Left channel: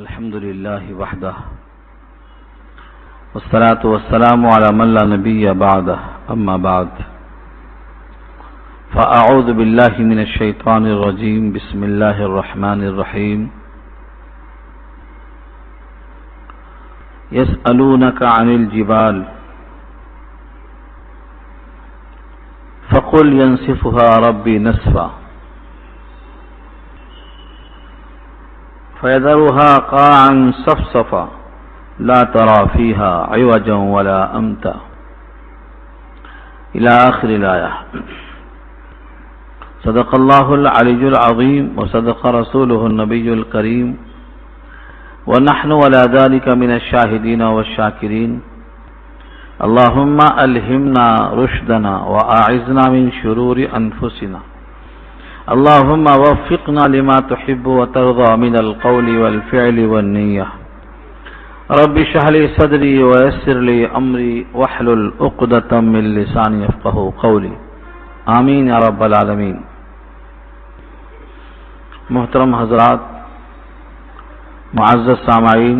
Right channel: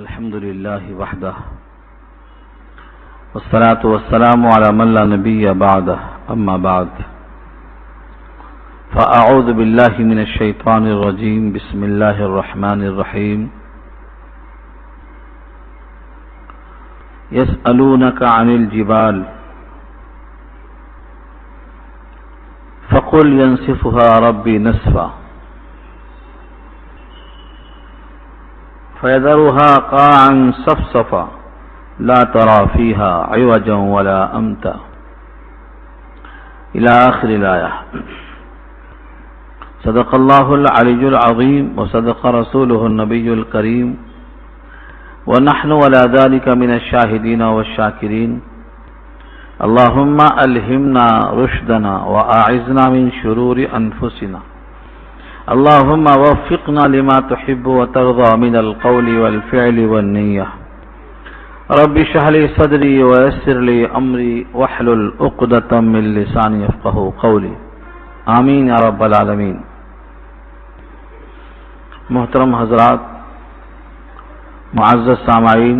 الحمد لله وحده والصلاة والسلام على من لا نبي بعده أما بعد فأعوذ بالله من الشيطان الرجيم بسم الله الرحمن الرحيم يسألونك عن الجبال فقل ينسفها ربي نسفا فيذرها قاعا صفصفا لا ترى فيها عوجا ولا أمتا إلى آخر الآية. صدق الله العلي العظيم وصدق رسوله النبي الكريم ونحن ولا ذلك من الشاهدين والشاكرين. اللهم ألهمنا رشدنا وأعذنا من شرور أنفسنا. اللهم وفقنا لما تحب وترضى من القول والفعل والنية. رب اشرح لي صدري ويسر لي أمري واحلل عقدة من لساني يفقهوا قولي. آمین یا رب العالمین. محترم حضرات، معزز سامعین،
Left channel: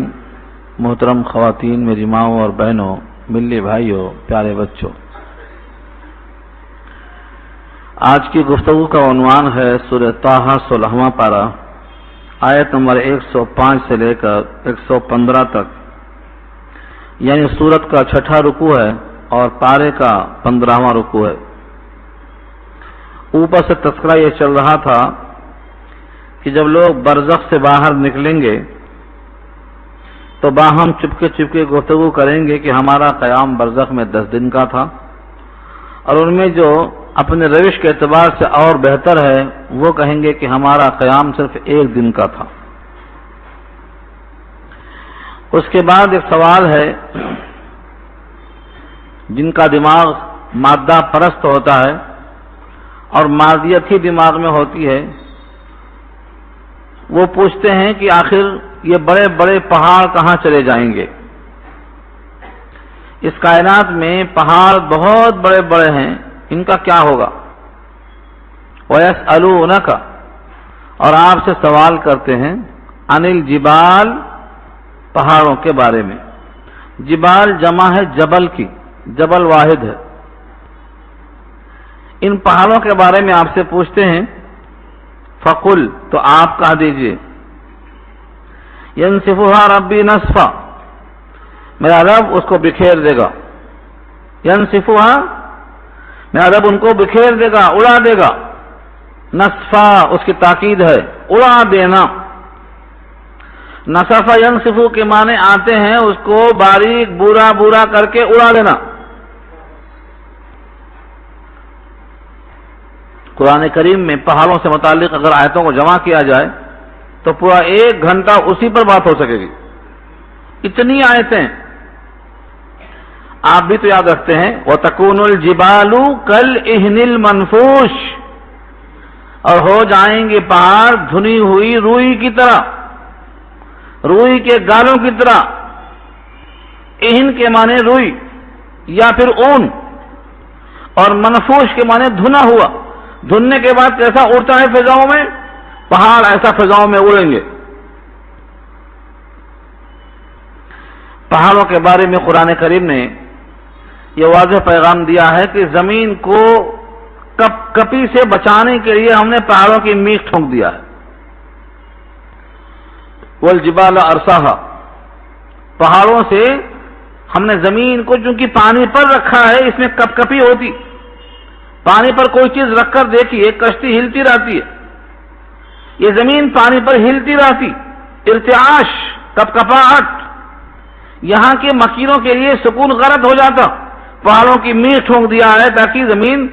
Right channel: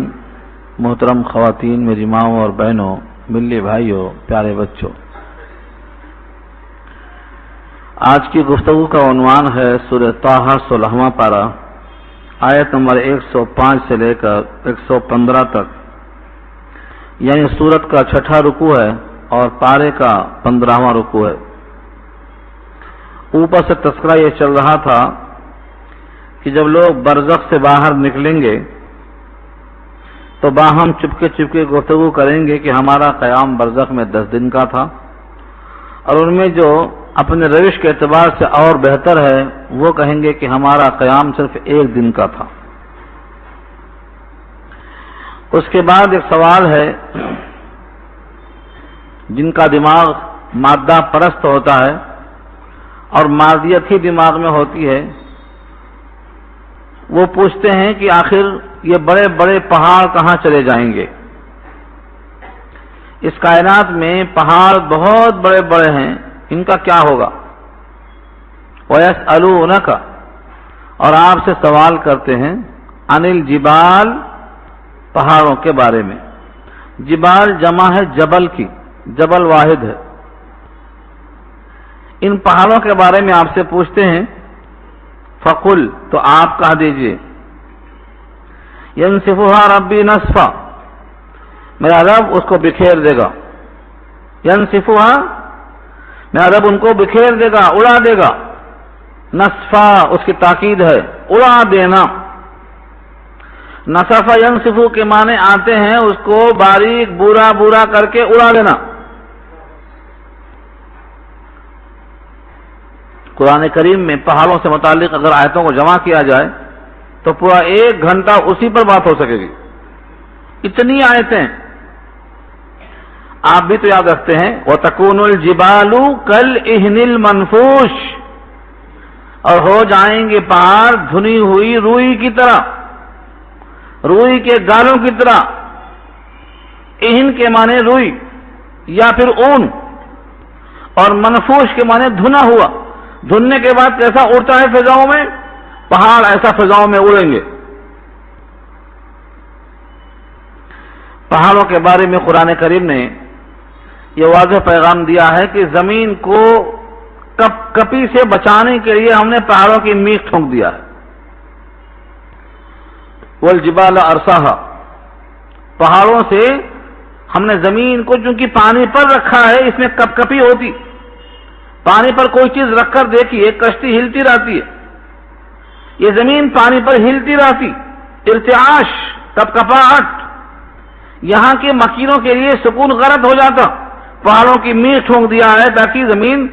محترم خواتین، میری ماؤں اور بہنوں، ملی بھائیوں، پیارے بچوں، آج کی گفتگو کا عنوان ہے سورہ طٰہٰ 16واں پارہ، آیت نمبر 105 سے لے کر 115 تک، یعنی سورت کا 6واں رکوع ہے اور پارے کا 15واں رکوع ہے. اوپر سے تذکرہ یہ چل رہا تھا کہ جب لوگ برزخ سے باہر نکلیں گے تو باہم چپکے چپکے گفتگو کریں گے کہ ہمارا قیام برزخ میں 10 دن کا تھا، اور ان میں جو اپنے روش کے اعتبار سے اور بہتر ہے وہ کہیں گے کہ ہمارا قیام صرف 1 دن کا تھا. اس کے بعد ایک سوال ہے، جن کا دماغ مادہ پرست ہوتا ہے اور مادیت ہی دماغ میں ہوتی ہے، وہ پوچھتے ہیں کہ آخر یہ بڑے بڑے پہاڑ کہاں چلے جائیں گے؟ اس کائنات میں پہاڑ بہت بڑے بڑے ہیں، ان کا کیا ہوگا؟ وَيَسْأَلُونَكَ، اور آپ سے سوال کرتے ہیں، عَنِ الْجِبَالِ، پہاڑوں کے بارے میں. جبال جمع ہے جبل کی، جبل واحد ہے. ان پہاڑوں کے بارے میں آپ سے پوچھتے ہیں. فَقُلْ، تو آپ کہہ دیجئے، يَنْسِفُهَا رَبِّي نَسْفًا، میرا رب اس کو بکھیر دے گا. يَنْسِفُهَا، میرا رب ان کو بکھیر دے گا، اڑا دے گا. نصفا، اس کی تاکید ہے، اڑا دینا. نصف ینصفو کے معنی آتے ہیں اس کو باریک بورا بورا کر کے اڑا دینا. قرآن کریم میں پہاڑوں سے متعلق اگر آیتوں کو جمع کیا جائے تو پورا 1 گھنٹہ اسی پر بات ہو سکے گی، اتنی آیتیں. آپ بھی تو یاد رکھتے ہیں، وَتَكُونُ الْجِبَالُ كَالْعِهْنِ الْمَنْفُوشِ، اور ہو جائیں گے پہاڑ دھنی ہوئی روئی کی طرح، روئی کے گالوں کی طرح. اہن کے معنی روئی یا پھر اون، اور منفوش کے معنی دھنا ہوا. دھننے کے بعد کیسا اڑتا ہے فضاؤں میں؟ پہاڑ ایسا فضاؤں میں اڑیں گے. پہاڑوں کے بارے میں قرآن کریم نے یہ واضح پیغام دیا ہے کہ زمین کو کپی سے بچانے کے لیے ہم نے پہاڑوں کی میخ ٹھونک دیا ہے. والجبال ارساہا، پہاڑوں سے ہم نے زمین کو، چونکہ پانی پر رکھا ہے، اس میں کپ کپی ہوتی. پانی پر کوئی چیز رکھ کر دیکھیے، کشتی ہلتی رہتی ہے. یہ زمین پانی پر ہلتی رہتی. ارتعاش، کپ کپاہٹ، یہاں کے مکینوں کے لیے سکون غلط ہو جاتا. پہاڑوں کی میخ ٹھونک دیا ہے تاکہ زمین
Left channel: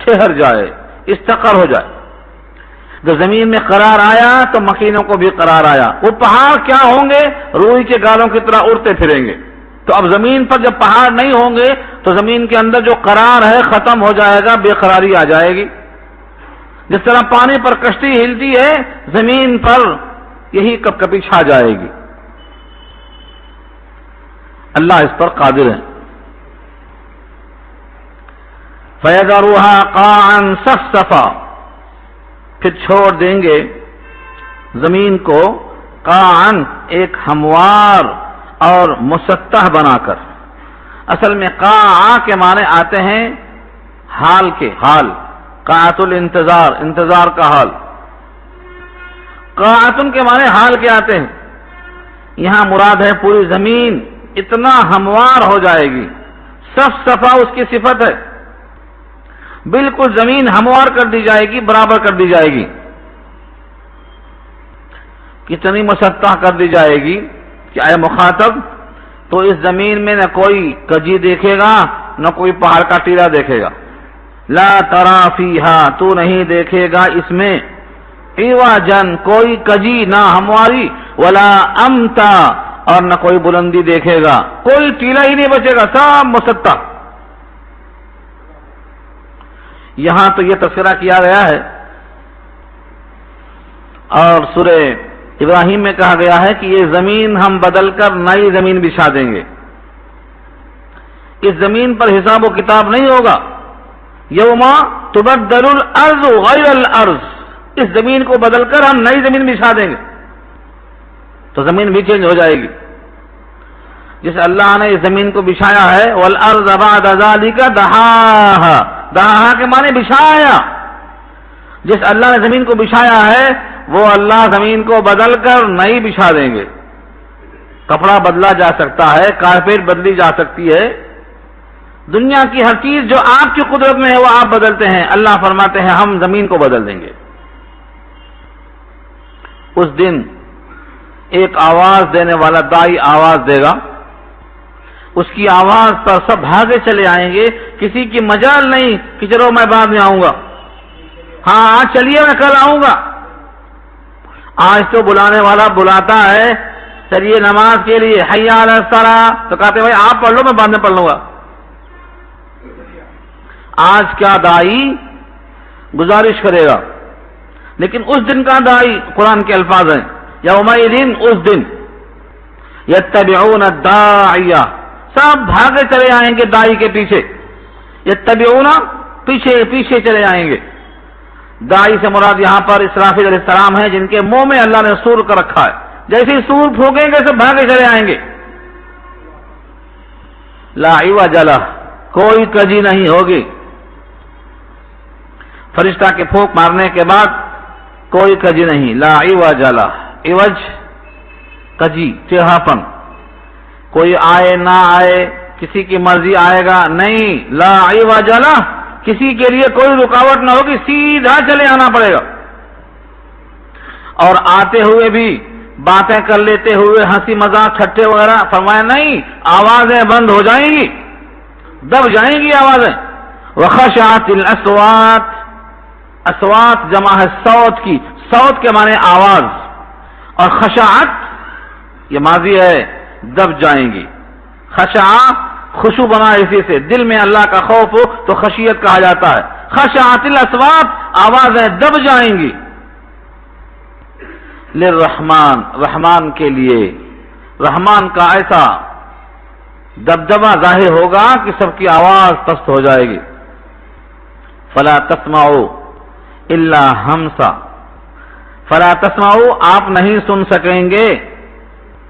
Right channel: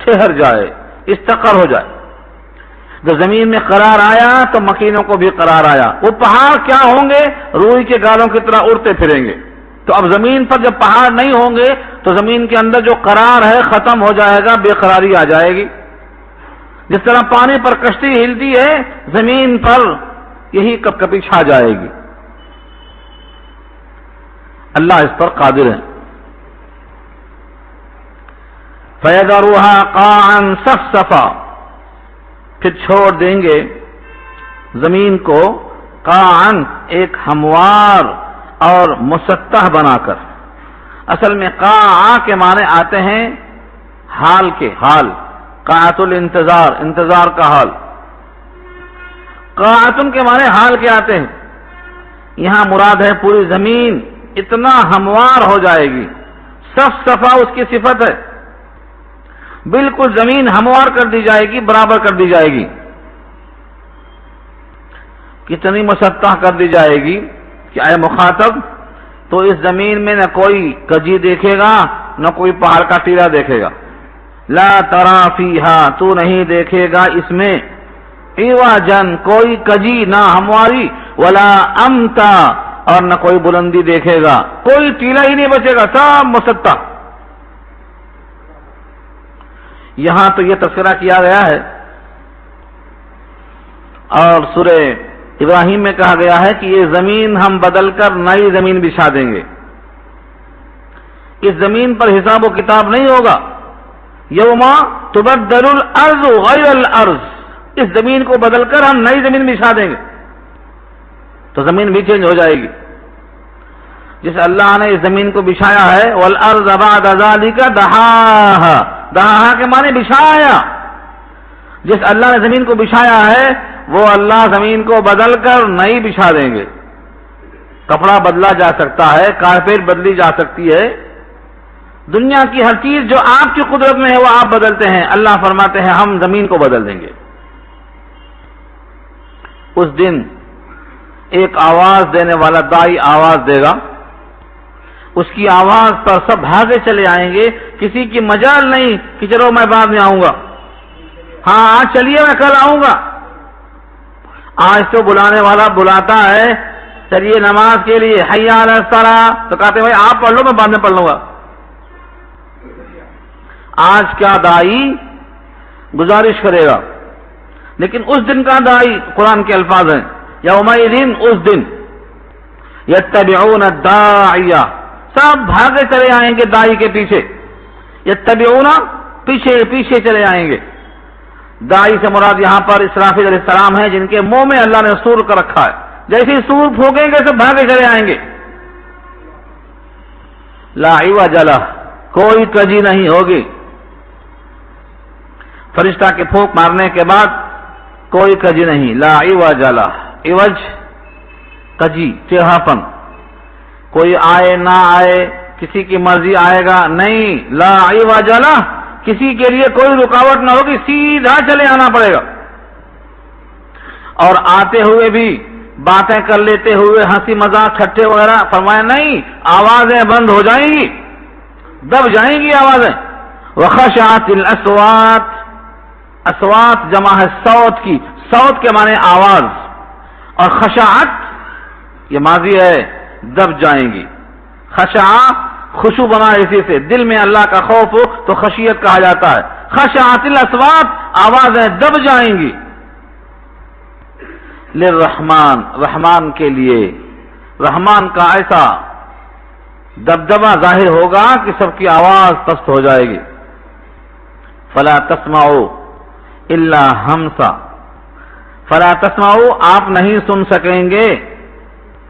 ٹھہر جائے، استقر ہو جائے. جب زمین میں قرار آیا تو مکینوں کو بھی قرار آیا. وہ پہاڑ کیا ہوں گے؟ روئی کے گالوں کی طرح اڑتے پھریں گے. تو اب زمین پر جب پہاڑ نہیں ہوں گے تو زمین کے اندر جو قرار ہے ختم ہو جائے گا، بے قراری آ جائے گی. جس طرح پانی پر کشتی ہلتی ہے، زمین پر یہی کپ کپی چھا جائے گی. اللہ اس پر قادر ہے. فَيَذَرُهَا قَاعًا صَفْصَفًا، پھر چھوڑ دیں گے زمین کو قاعن ایک ہموار اور مسطح بنا کر. اصل میں قاع کے معنی آتے ہیں حال کے، حال، قاعۃ الانتظار، انتظار کا حال. قاعتن کے معنی حال کے آتے ہیں. یہاں مراد ہے پوری زمین اتنا ہموار ہو جائے گی، صف صفا اس کی صفت ہے، بالکل زمین ہموار کر دی جائے گی، برابر کر دی جائے گی. کتنی مسطح کر دی جائے گی کہ اے مخاطب تو اس زمین میں نہ کوئی کجی دیکھے گا نہ کوئی پہاڑ کا ٹیلا دیکھے گا. لا ترا فیہا، تو نہیں دیکھے گا اس میں عوجا، کوئی کجی نہ ہمواری، ولا امتا، اور نہ کوئی بلندی دیکھے گا، کوئی ٹیلا ہی نہیں بچے گا، سب مسطح. یہاں تو یہ تذکرہ کیا گیا ہے اور سورہ ابراہیم میں کہا گیا ہے کہ یہ زمین ہم بدل کر نئی زمین بچھا دیں گے. اس زمین پر حساب و کتاب نہیں ہوگا. یوم تبدل الارض غیر الارض، اس زمین کو بدل کر ہم نئی زمین بچھا دیں گے تو زمین بھی چینج ہو جائے گی. جس اللہ نے اس زمین کو بچھایا ہے، والارض بعد ذلک دحاہا، دحاہا کے معنی بچھایا. جس اللہ نے زمین کو بچھایا ہے وہ اللہ زمین کو بدل کر نئی بچھا دیں گے. کپڑا بدلا جا سکتا ہے، کارپیٹ بدلی جا سکتی ہے، دنیا کی ہر چیز جو آپ کی قدرت میں ہے وہ آپ بدلتے ہیں. اللہ فرماتے ہیں ہم زمین کو بدل دیں گے. اس دن ایک آواز دینے والا دائی آواز دے گا، اس کی آواز پر سب بھاگے چلے آئیں گے، کسی کی مجال نہیں کہ چلو میں بعد میں آؤں گا، ہاں آج چلیے میں کل آؤں گا. آج تو بلانے والا بلاتا ہے چلیے نماز کے لیے، حی علی الصلاۃ، تو کہتے بھائی آپ پڑھ لو میں بعد میں پڑھ لوں گا. آج کیا دائی گزارش کرے گا، لیکن اس دن کا دائی قرآن کے الفاظ ہیں یومئذ، اس دن یتبعون الداعی، سب بھاگے چلے آئیں گے دائی کے پیچھے. یتبعون، پیچھے پیچھے چلے آئیں گے. دائی سے مراد یہاں پر اسرافیل علیہ السلام ہیں جن کے منہ میں اللہ نے سور کر رکھا ہے. جیسے ہی سور پھونکیں گے سب بھاگے چلے آئیں گے. لا عوج لہ، کوئی کجی نہیں ہوگی. فرشتہ کے پھونک مارنے کے بعد کوئی کجی نہیں. لا عوج لہ، عوج کجی، چہرہ پن، کوئی آئے نہ آئے، کسی کی مرضی آئے گا نہیں. لا عوج لہ، کسی کے لیے کوئی رکاوٹ نہ ہوگی، سیدھا چلے آنا پڑے گا. اور آتے ہوئے بھی باتیں کر لیتے ہوئے ہنسی مذاق ٹھٹے وغیرہ، فرمایا نہیں، آوازیں بند ہو جائیں گی، دب جائیں گی آوازیں. وخشعت الاصوات، اصوات جمع ہے صوت کی، صوت کے معنی آواز، اور خشعت یہ ماضی ہے، دب جائیں گی. خشع خوشو بنا اسی سے، دل میں اللہ کا خوف ہو تو خشیت کہا جاتا ہے. خشعت الاصوات، آوازیں دب جائیں گی. للرحمن، رحمان کے لیے، رحمان کا ایسا دبدبہ ظاہر ہوگا کہ سب کی آواز پست ہو جائے گی. فلا تسمعوا الا ہمسا، فلا تسمعوا، آپ نہیں سن سکیں گے،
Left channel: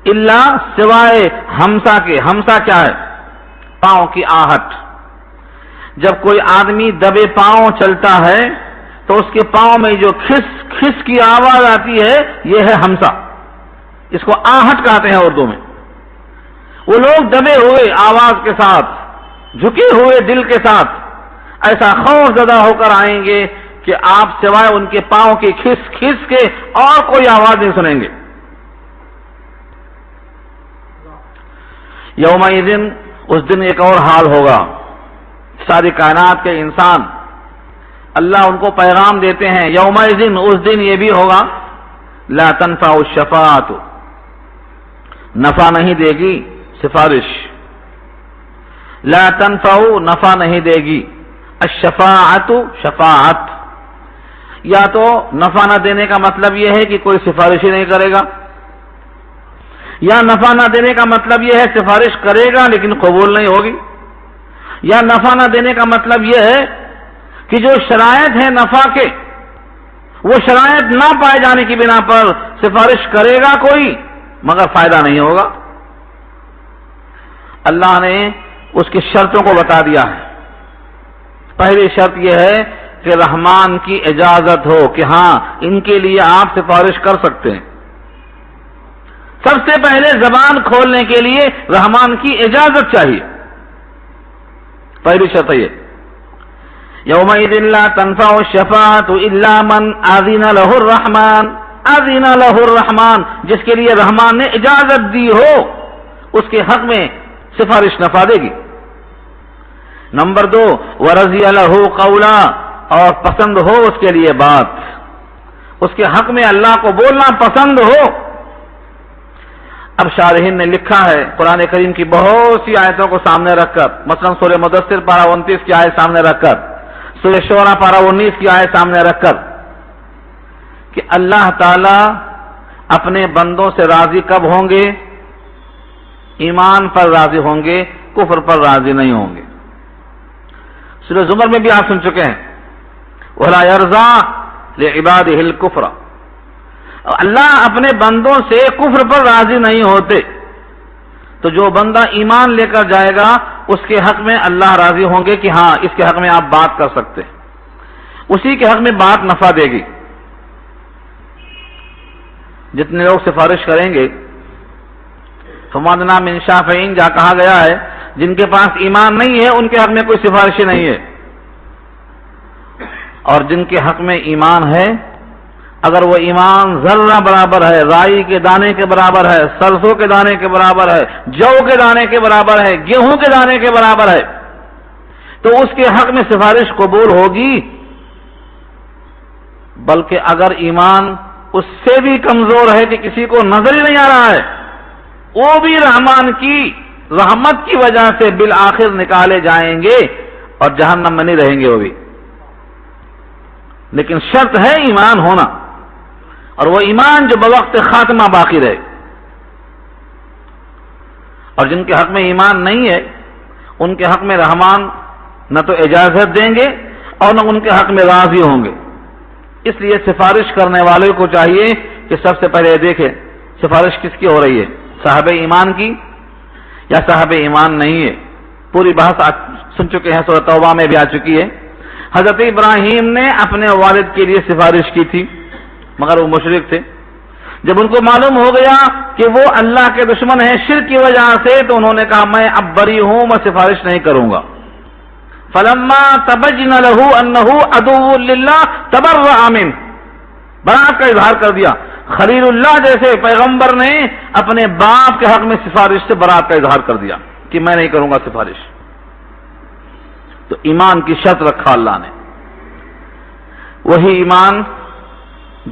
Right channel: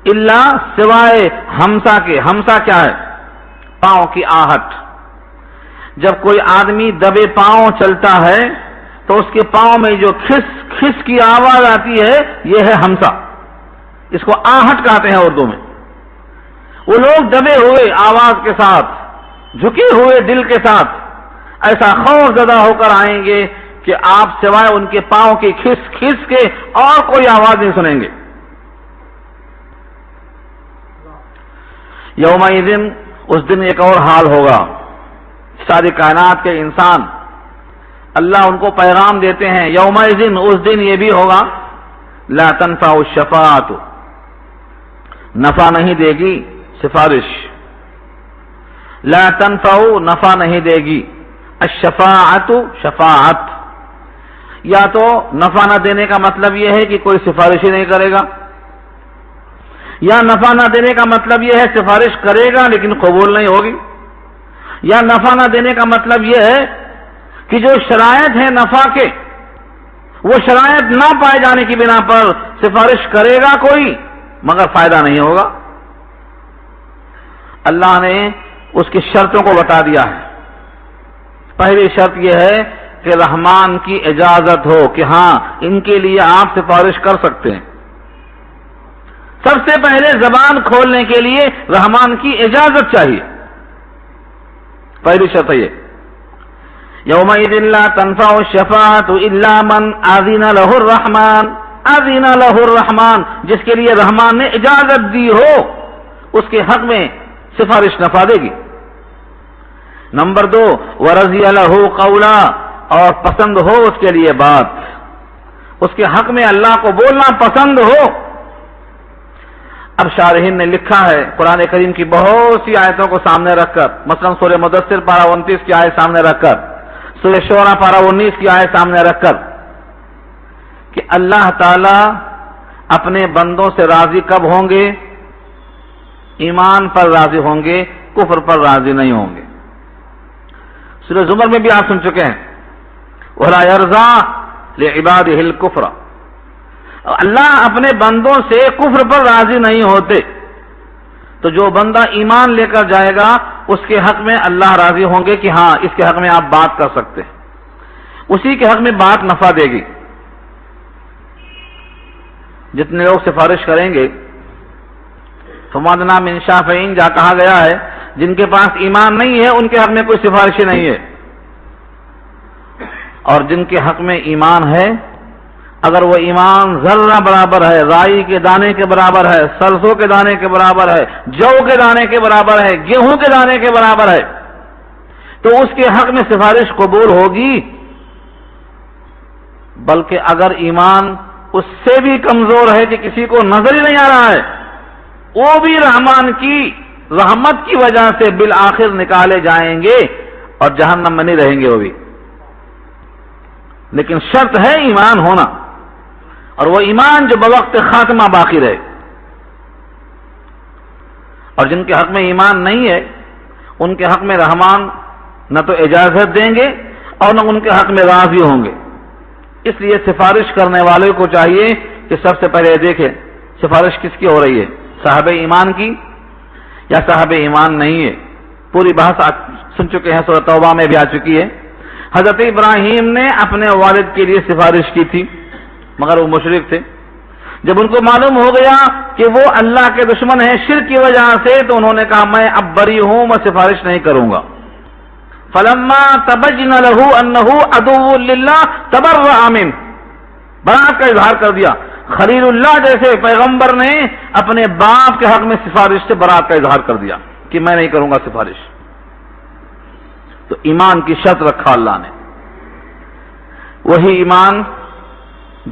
الا سوائے ہمسا کے. ہمسا کیا ہے؟ پاؤں کی آہٹ. جب کوئی آدمی دبے پاؤں چلتا ہے تو اس کے پاؤں میں جو کھس کھس کی آواز آتی ہے یہ ہے ہمسا. اس کو آہٹ کہتے ہیں اردو میں. وہ لوگ دبے ہوئے آواز کے ساتھ، جھکے ہوئے دل کے ساتھ ایسا خوف زدہ ہو کر آئیں گے کہ آپ سوائے ان کے پاؤں کی کھس کھس کے اور کوئی آواز نہیں سنیں گے. یومئذ، اس دن ایک اور حال ہوگا. ساری کائنات کے انسان اللہ ان کو پیغام دیتے ہیں. یومئذ، اس دن یہ بھی ہوگا، لا تنفع الشفاعت، نفع نہیں دے گی سفارش. لا تنفع، نفع نہیں دے گی. الشفاعت، شفاعت، یا تو نفع نہ دینے کا مطلب یہ ہے کہ کوئی سفارش ہی نہیں کرے گا، یا نفع نہ دینے کا مطلب یہ ہے سفارش کرے گا لیکن قبول نہیں ہوگی، یا نفع نہ دینے کا مطلب یہ ہے کہ جو شرائط ہیں نفع کے وہ شرائط نہ پائے جانے کی بنا پر سفارش کرے گا کوئی مگر فائدہ نہیں ہوگا۔ اللہ نے اس کی شرطوں کو بتا دیا ہے۔ پہلی شرط یہ ہے کہ رحمان کی اجازت ہو کہ ہاں ان کے لیے آپ سفارش کر سکتے ہیں۔ سب سے پہلے زبان کھولنے کے لیے رحمان کی اجازت چاہیے، پہلی شرط یہ۔ یومئذ لا تنفع الشفاعۃ الا من اذن له الرحمن، اذن له الرحمن، جس کے لیے رحمان نے اجازت دی ہو اس کے حق میں سفارش نفع دے گی۔ نمبر 2، ورضی له قولا، اور پسند ہو اس کے لیے بات، اس کے حق میں اللہ کو بولنا پسند ہو۔ اب شارحین نے لکھا ہے قرآن کریم کی بہت سی آیتوں کو سامنے رکھ کر، مثلا سورہ مدثر پارہ 29 کی آیت سامنے رکھ کر، سورہ شعراء پارہ 19 کی آیت سامنے رکھ کر، کہ اللہ تعالی اپنے بندوں سے راضی کب ہوں گے؟ ایمان پر راضی ہوں گے، کفر پر راضی نہیں ہوں گے۔ سورہ زمر میں بھی آپ سن چکے ہیں، وَلَا يَرْضَىٰ لِعِبَادِهِ الْكُفْرَ، اللہ اپنے بندوں سے کفر پر راضی نہیں ہوتے۔ تو جو بندہ ایمان لے کر جائے گا اس کے حق میں اللہ راضی ہوں گے کہ ہاں اس کے حق میں آپ بات کر سکتے ہیں، اسی کے حق میں بات نفع دے گی۔ جتنے لوگ سفارش کریں گے فَمَا مِن شَافِعٍ، جہاں کہا گیا ہے جن کے پاس ایمان نہیں ہے ان کے حق میں کوئی سفارش نہیں ہے، اور جن کے حق میں ایمان ہے اگر وہ ایمان ذرہ برابر ہے، رائی کے دانے کے برابر ہے، سرسوں کے دانے کے برابر ہے، جو کے دانے کے برابر ہے، گیہوں کے دانے کے برابر ہے، تو اس کے حق میں سفارش قبول ہوگی۔ بلکہ اگر ایمان اس سے بھی کمزور ہے کہ کسی کو نظر ہی نہیں آ رہا ہے، وہ بھی رحمان کی رحمت کی وجہ سے بالآخر نکالے جائیں گے اور جہنم میں نہیں رہیں گے وہ بھی۔ لیکن شرط ہے ایمان ہونا، اور وہ ایمان جو بوقت خاتمہ باقی رہے۔ اور جن کے حق میں ایمان نہیں ہے ان کے حق میں رحمان نہ تو اجازت دیں گے اور نہ ان کے حق میں راضی ہوں گے۔ اس لیے سفارش کرنے والے کو چاہیے کہ سب سے پہلے دیکھیں سفارش کس کی ہو رہی ہے، صاحب ایمان کی یا صاحب ایمان نہیں ہے۔ پوری بحث سن چکے ہیں، سورۃ توبہ میں بھی آ چکی ہے۔ حضرت ابراہیم نے اپنے والد کے لیے سفارش کی تھی مگر وہ مشرک تھے۔ جب ان کو معلوم ہو گیا کہ وہ اللہ کے دشمن ہیں شرک کی وجہ سے، تو انہوں نے کہا میں اب بری ہوں، میں سفارش نہیں کروں گا۔ فلما تبین له انه عدو للہ تبرأ منه، برات کا اظہار کر دیا۔ خلیل اللہ جیسے پیغمبر نے اپنے باپ کے حق میں سفارش سے برات کا اظہار کر دیا کہ میں نہیں کروں گا سفارش۔ تو ایمان کی شرط رکھا اللہ نے، وہی ایمان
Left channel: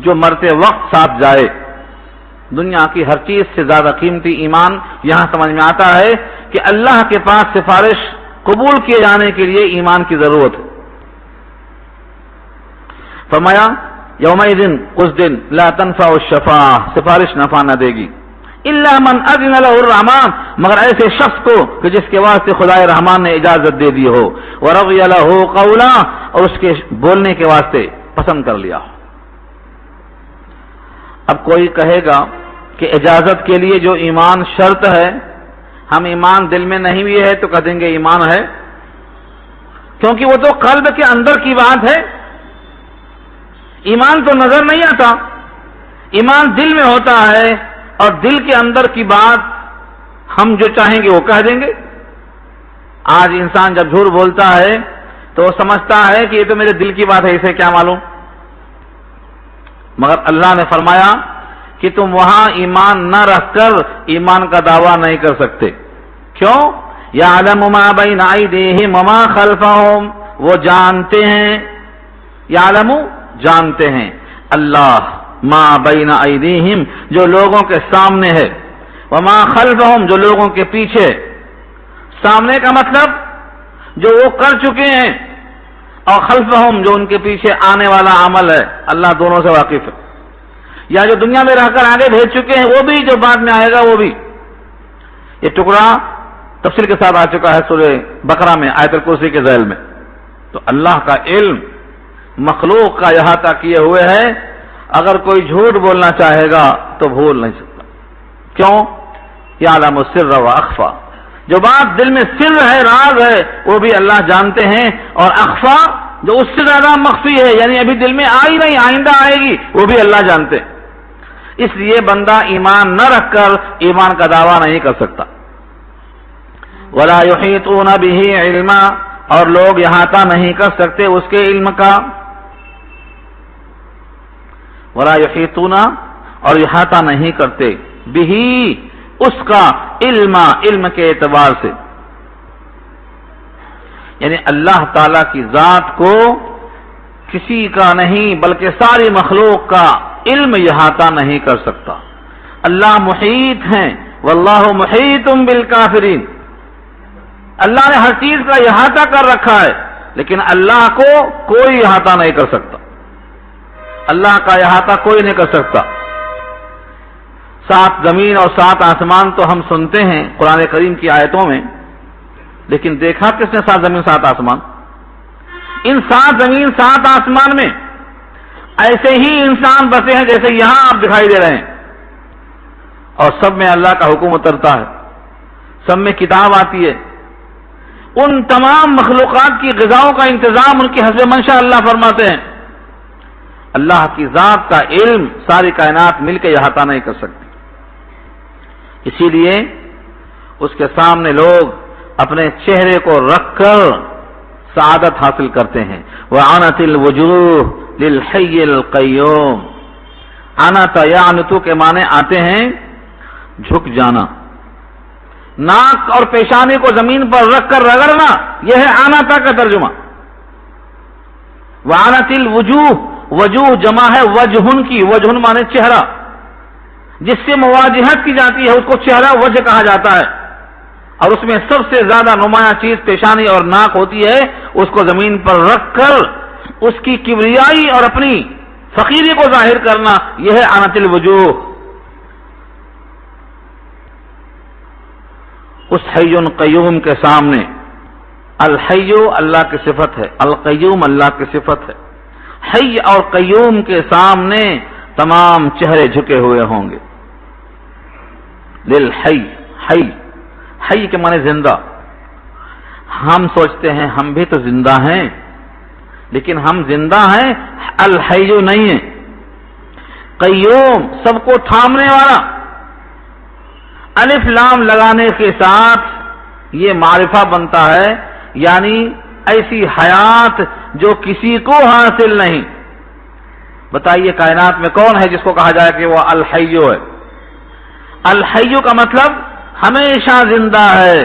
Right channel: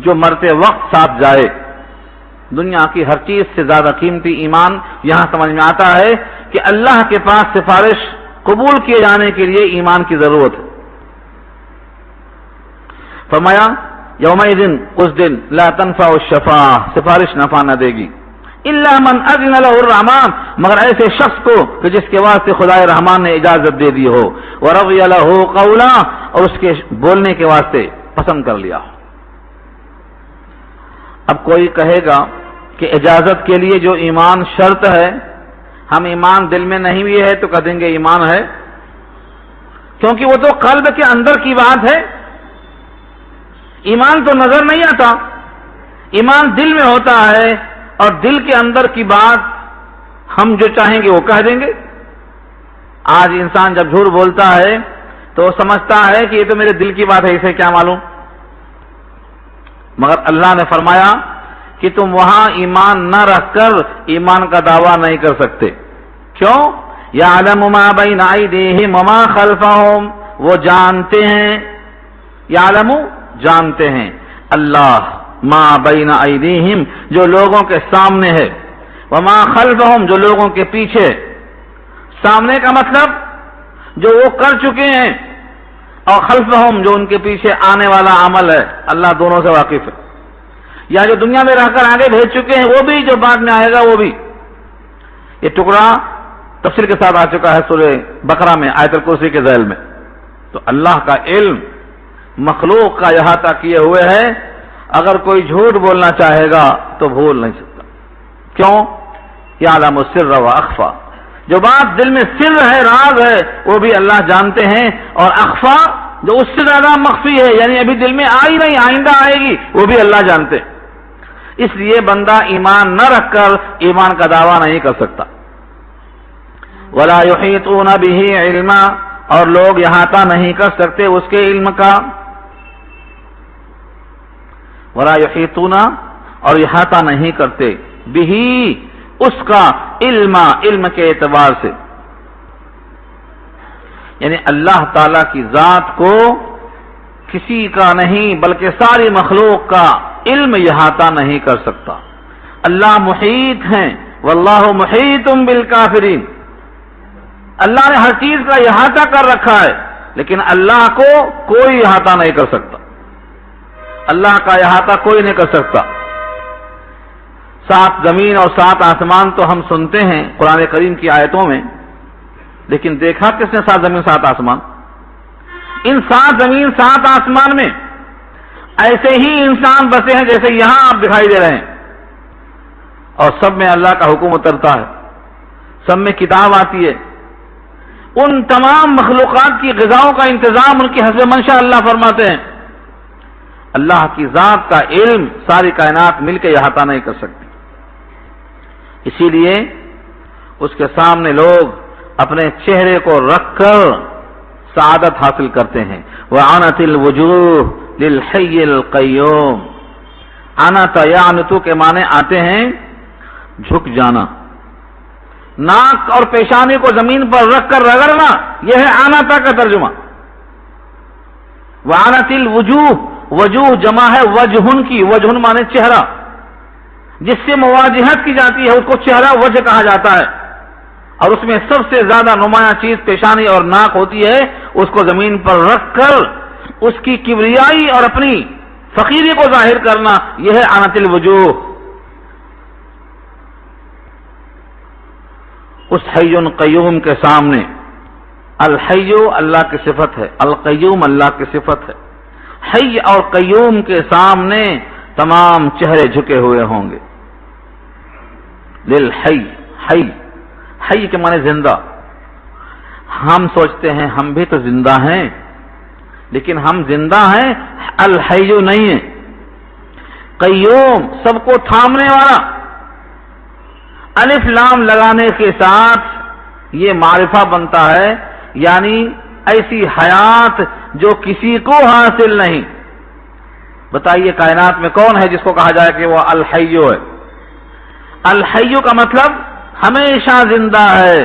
جو مرتے وقت ساتھ جائے۔ دنیا کی ہر چیز سے زیادہ قیمتی ایمان یہاں سمجھ میں آتا ہے کہ اللہ کے پاس سفارش قبول کیے جانے کے لیے ایمان کی ضرورت ہے۔ فرمایا یومئذ، اس دن لا تنفع الشفاعۃ، سفارش نفع نہ دے گی، الا من اذن له الرحمن، مگر ایسے شخص کو کہ جس کے واسطے خدائے رحمان نے اجازت دے دی ہو، ورضی له قولا، اور اس کے بولنے کے واسطے پسند کر لیا ہو۔ اب کوئی کہے گا کہ اجازت کے لیے جو ایمان شرط ہے، ہم ایمان دل میں نہیں بھی ہے تو کہہ دیں گے ایمان ہے، کیونکہ وہ تو قلب کے اندر کی بات ہے، ایمان تو نظر نہیں آتا، ایمان دل میں ہوتا ہے، اور دل کے اندر کی بات ہم جو چاہیں گے وہ کہہ دیں گے۔ آج انسان جب جھوٹ بولتا ہے تو وہ سمجھتا ہے کہ یہ تو میرے دل کی بات ہے، اسے کیا معلوم۔ مگر اللہ نے فرمایا کہ تم وہاں ایمان نہ رکھ کر ایمان کا دعویٰ نہیں کر سکتے۔ کیوں؟ یعلم ما بین ایدیہم وما خلفہم، وہ جانتے ہیں، یعلم جانتے ہیں، اللہ ما بین ایدیہم جو لوگوں کے سامنے ہے، وما خلفہم جو لوگوں کے پیچھے۔ سامنے کا مطلب جو وہ کر چکے ہیں، اور خلفہم جو ان کے پیچھے آنے والا عمل ہے، اللہ دونوں سے واقف ہے۔ یا جو دنیا میں رہ کر آگے بھیج چکے ہیں وہ بھی، جو بعد میں آئے گا وہ بھی۔ یہ ٹکڑا تفصیل کے ساتھ آ چکا ہے سورہ بقرہ میں آیت الکرسی کے ذیل میں۔ تو اللہ کا علم مخلوق کا احاطہ کیے ہوئے ہے. اگر کوئی جھوٹ بولنا چاہے گا تو بھول نہیں سکتا. کیوں؟ یعلم السر و اخفا. جو بات دل میں سر ہے، راز ہے، وہ بھی اللہ جانتے ہیں، اور اخفا جو اس سے زیادہ مخفی ہے، یعنی ابھی دل میں آئی نہیں، آئندہ آئے گی، وہ بھی اللہ جانتے. اس لیے بندہ ایمان نہ رکھ کر ایمان کا دعویٰ نہیں کر سکتا. ولا یحیطون به علما، اور لوگ احاطہ نہیں کر سکتے اس کے علم کا. ولا یحیطون، اور احاطہ نہیں کرتے، به، اس کا، علم کے اعتبار سے، یعنی اللہ تعالی کی ذات کو کسی کا نہیں بلکہ ساری مخلوق کا علم احاطہ نہیں کر سکتا. اللہ محیط ہیں، واللہ محیط بالکافرین. اللہ نے ہر چیز کا احاطہ کر رکھا ہے، لیکن اللہ کو کوئی احاطہ نہیں کر سکتا. اللہ کا احاطہ کوئی نہیں کر سکتا. 7 زمین اور 7 آسمان تو ہم سنتے ہیں قرآن کریم کی آیتوں میں، لیکن دیکھا کس نے 7 زمین 7 آسمان؟ ان 7 زمین 7 آسمان میں ایسے ہی انسان بسے ہیں جیسے یہاں آپ دکھائی دے رہے ہیں، اور سب میں اللہ کا حکم اترتا ہے، سب میں کتاب آتی ہے. ان تمام مخلوقات کی غذاؤں کا انتظام ان کی حسب منشاء اللہ فرماتے ہیں. اللہ کی ذات کا علم ساری کائنات مل کے احاطہ نہیں کر سکتی. اسی لیے اس کے سامنے لوگ اپنے چہرے کو رکھ کر سعادت حاصل کرتے ہیں. وَعَنَتِ الْوُجُوهُ لِلْحَيِّ الْقَيُّومِ. عَنَتَ يَعْنِتُ کے معنی آتے ہیں جھک جانا. ناک اور پیشانی کو زمین پر رکھ کر رگڑنا، یہ ہے آناتا کا ترجمہ. وَعَنَتِ الْوُجُوهُ، وجوہ جمع ہے وجہن کی. وجہن معنی چہرہ، جس سے مواجہت کی جاتی ہے اس کو چہرہ وجہ کہا جاتا ہے، اور اس میں سب سے زیادہ نمایاں چیز پیشانی اور ناک ہوتی ہے. اس کو زمین پر رکھ کر اس کی کبریائی اور اپنی فقیری کو ظاہر کرنا، یہ ہے آنت الوجوہ. اس حی قیوم کے سامنے، الحی اللہ کی صفت ہے، القیوم اللہ کی صفت ہے. حی اور قیوم کے سامنے تمام چہرے جھکے ہوئے ہوں گے. للحی، حی، حی کے معنی زندہ. ہم سوچتے ہیں ہم بھی تو زندہ ہیں، لیکن ہم زندہ ہیں، الحی نہیں ہے. قیوم سب کو تھامنے والا. الف لام لگانے کے ساتھ یہ معرفہ بنتا ہے، یعنی ایسی حیات جو کسی کو حاصل نہیں. بتائیے کائنات میں کون ہے جس کو کہا جائے کہ وہ الحیو ہے؟ الحیو کا مطلب ہمیشہ زندہ ہے،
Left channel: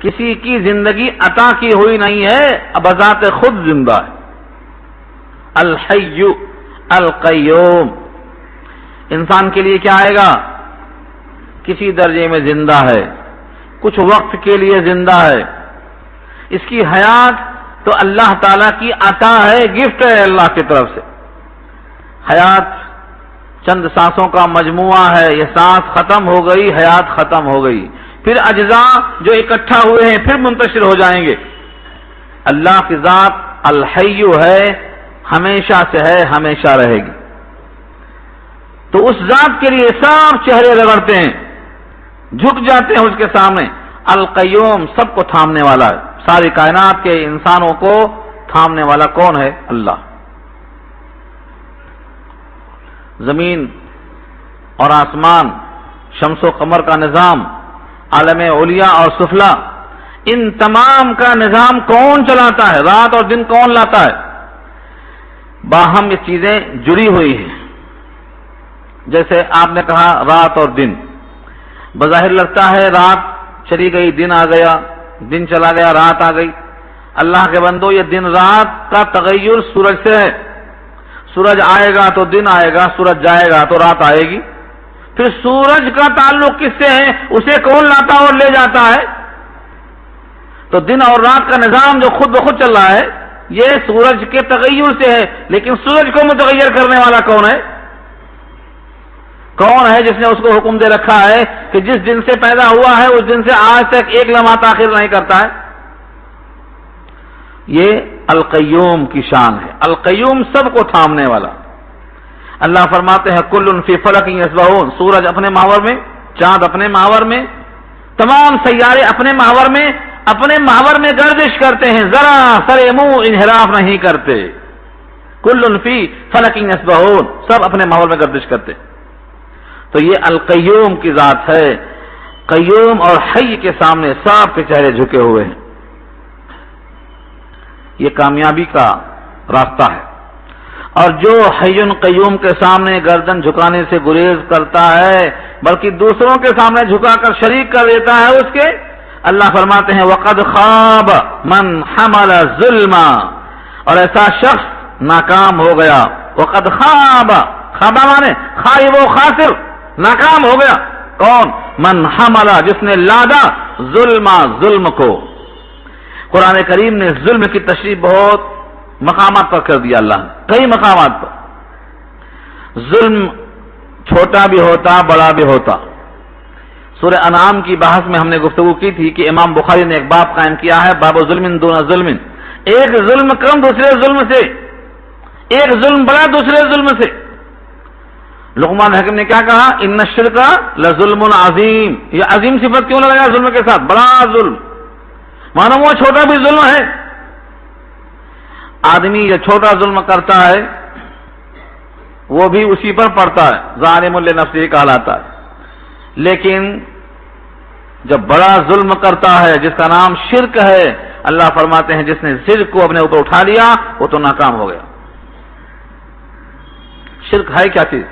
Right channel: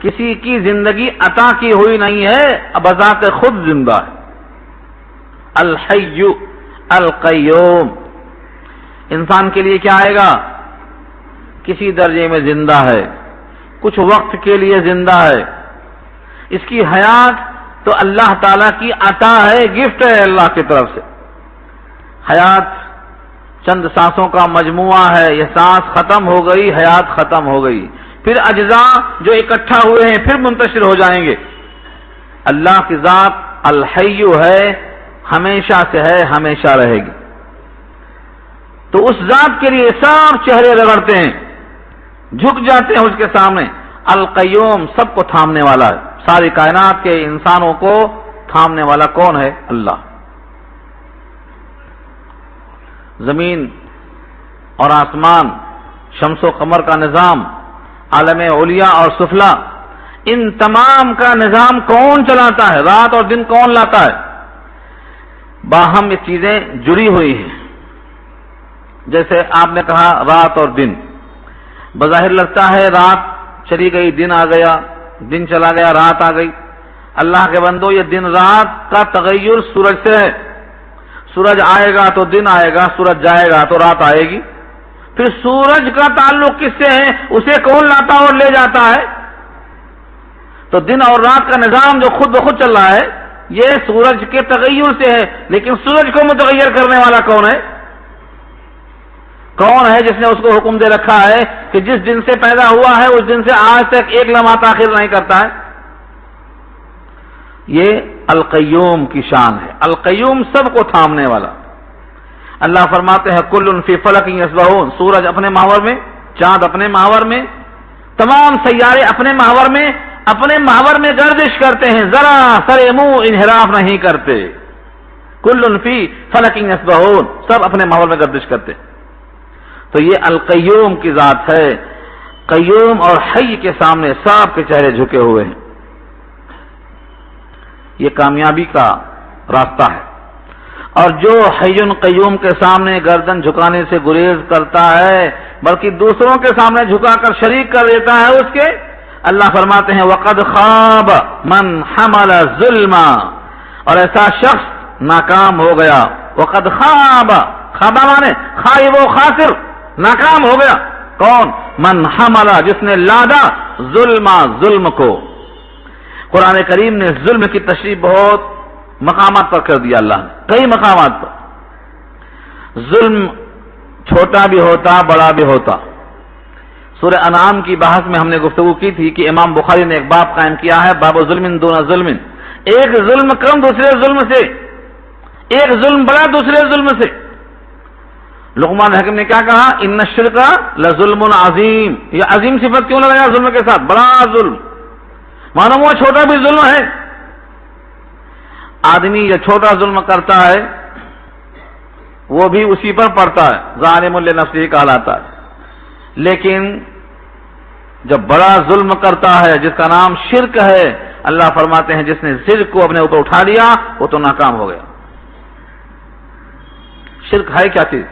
کسی کی زندگی عطا کی ہوئی نہیں ہے، بذات خود زندہ ہے. الحیو القیوم. انسان کے لیے کیا آئے گا؟ کسی درجے میں زندہ ہے، کچھ وقت کے لیے زندہ ہے. اس کی حیات تو اللہ تعالی کی عطا ہے، گفٹ ہے اللہ کی طرف سے. حیات چند سانسوں کا مجموعہ ہے، یہ سانس ختم ہو گئی، حیات ختم ہو گئی، پھر اجزاء جو اکٹھا ہوئے ہیں پھر منتشر ہو جائیں گے. اللہ کی ذات الحیو ہے، ہمیشہ سے ہے، ہمیشہ رہے گی. تو اس ذات کے لیے سب چہرے رگڑتے ہیں، جھک جاتے ہیں اس کے سامنے. القیوم سب کو تھامنے والا ہے، ساری کائنات کے انسانوں کو تھامنے والا کون ہے؟ اللہ. زمین اور آسمان، شمس و قمر کا نظام، عالم علیا اور سفلا، ان تمام کا نظام کون چلاتا ہے؟ رات اور دن کون لاتا ہے؟ باہم یہ چیزیں جڑی ہوئی ہیں. جیسے آپ نے کہا رات اور دن، بظاہر لگتا ہے رات چلی گئی دن آ گیا، دن چلا گیا رات آ گئی. اللہ کے بندو، یہ دن رات کا تغیر سورج سے ہے. سورج آئے گا تو دن آئے گا، سورج جائے گا تو رات آئے گی. پھر سورج کا تعلق کس سے ہے؟ اسے کون لاتا اور لے جاتا ہے؟ تو دن اور رات کا نظام جو خود بخود چل رہا ہے یہ سورج کے تغیر سے ہے، لیکن سورج کو متغیر کرنے والا کون ہے؟ کون ہے جس نے اس کو حکم دے رکھا ہے کہ جس دن سے پیدا ہوا ہے اس دن سے آج تک ایک لمحہ تاخیر نہیں کرتا ہے؟ یہ القیوم کی شان ہے. القیوم سب کو تھامنے والا. اللہ فرماتے ہیں کل فی فلک یسبحون، سورج اپنے محور میں، چاند اپنے محور میں، تمام سیارے اپنے محور میں گردش کرتے ہیں، ذرا سر منہ انحراف نہیں کرتے. کل فی فلک یسبحون، سب اپنے محور میں گردش کرتے. تو یہ القیوم کی ذات ہے. قیوم اور حی کے سامنے سب کے چہرے جھکے ہوئے ہیں. یہ کامیابی کا راستہ ہے. اور جو حی قیوم کے سامنے گردن جھکانے سے گریز کرتا ہے بلکہ دوسروں کے سامنے جھکا کر شریک کر دیتا ہے اس کے، اللہ فرماتے ہیں وقد خاب من حمل ظلما، اور ایسا شخص ناکام ہو گیا. وقد خاب، خابا مانے خائب و خاسر، ناکام ہو گیا. کون؟ من حمل، جس نے لادا ظلم کو. قرآن کریم نے ظلم کی تشریح بہت مقامات پر کر دیا اللہ نے، کئی مقامات پر. ظلم چھوٹا بھی ہوتا بڑا بھی ہوتا. سورہ انعام کی بحث میں ہم نے گفتگو کی تھی کہ امام بخاری نے ایک باب قائم کیا ہے، باب ظلم دون ظلم. ایک ظلم کم دوسرے ظلم سے، ایک ظلم بڑا دوسرے ظلم سے. لقمان حکیم نے کیا کہا؟ ان الشرک لظلم عظیم. یہ عظیم صفت کیوں لگایا ظلم کے ساتھ؟ بڑا ظلم، مانو وہ چھوٹا بھی ظلم ہے. آدمی جو چھوٹا ظلم کرتا ہے وہ بھی اسی پر پڑتا ہے، ظالم لنفسہ کہلاتا ہے. لیکن جب بڑا ظلم کرتا ہے جس کا نام شرک ہے، اللہ فرماتے ہیں جس نے شرک کو اپنے اوپر اٹھا لیا وہ تو ناکام ہو گیا. شرک ہے کیا چیز؟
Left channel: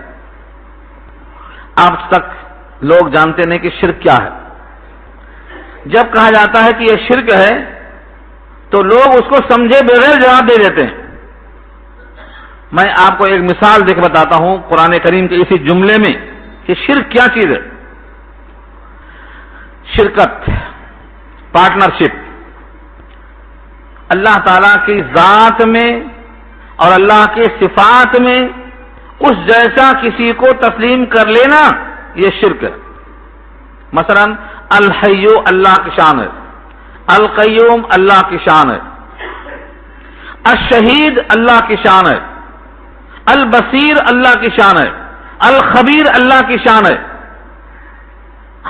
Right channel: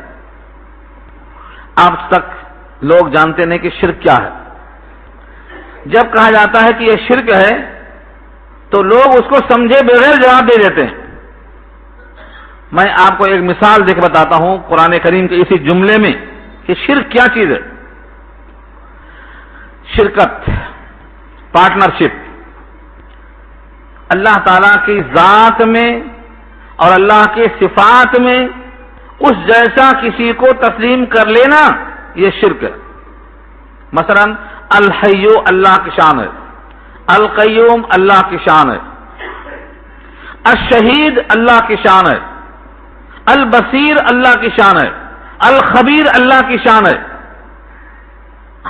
آج تک لوگ جانتے نہیں کہ شرک کیا ہے. جب کہا جاتا ہے کہ یہ شرک ہے تو لوگ اس کو سمجھے بغیر جواب دے دیتے ہیں. میں آپ کو ایک مثال دے کے بتاتا ہوں قرآن کریم کے اسی جملے میں کہ شرک کیا چیز ہے. شرکت، پارٹنرشپ، اللہ تعالی کی ذات میں اور اللہ کے صفات میں اس جیسا کسی کو تسلیم کر لینا، یہ شرک ہے. مثلا الحی اللہ کی شان ہے، القیوم اللہ کی شان ہے، الشہید اللہ کی شان ہے، البصیر اللہ کی شان ہے، الخبیر اللہ کی شان ہے.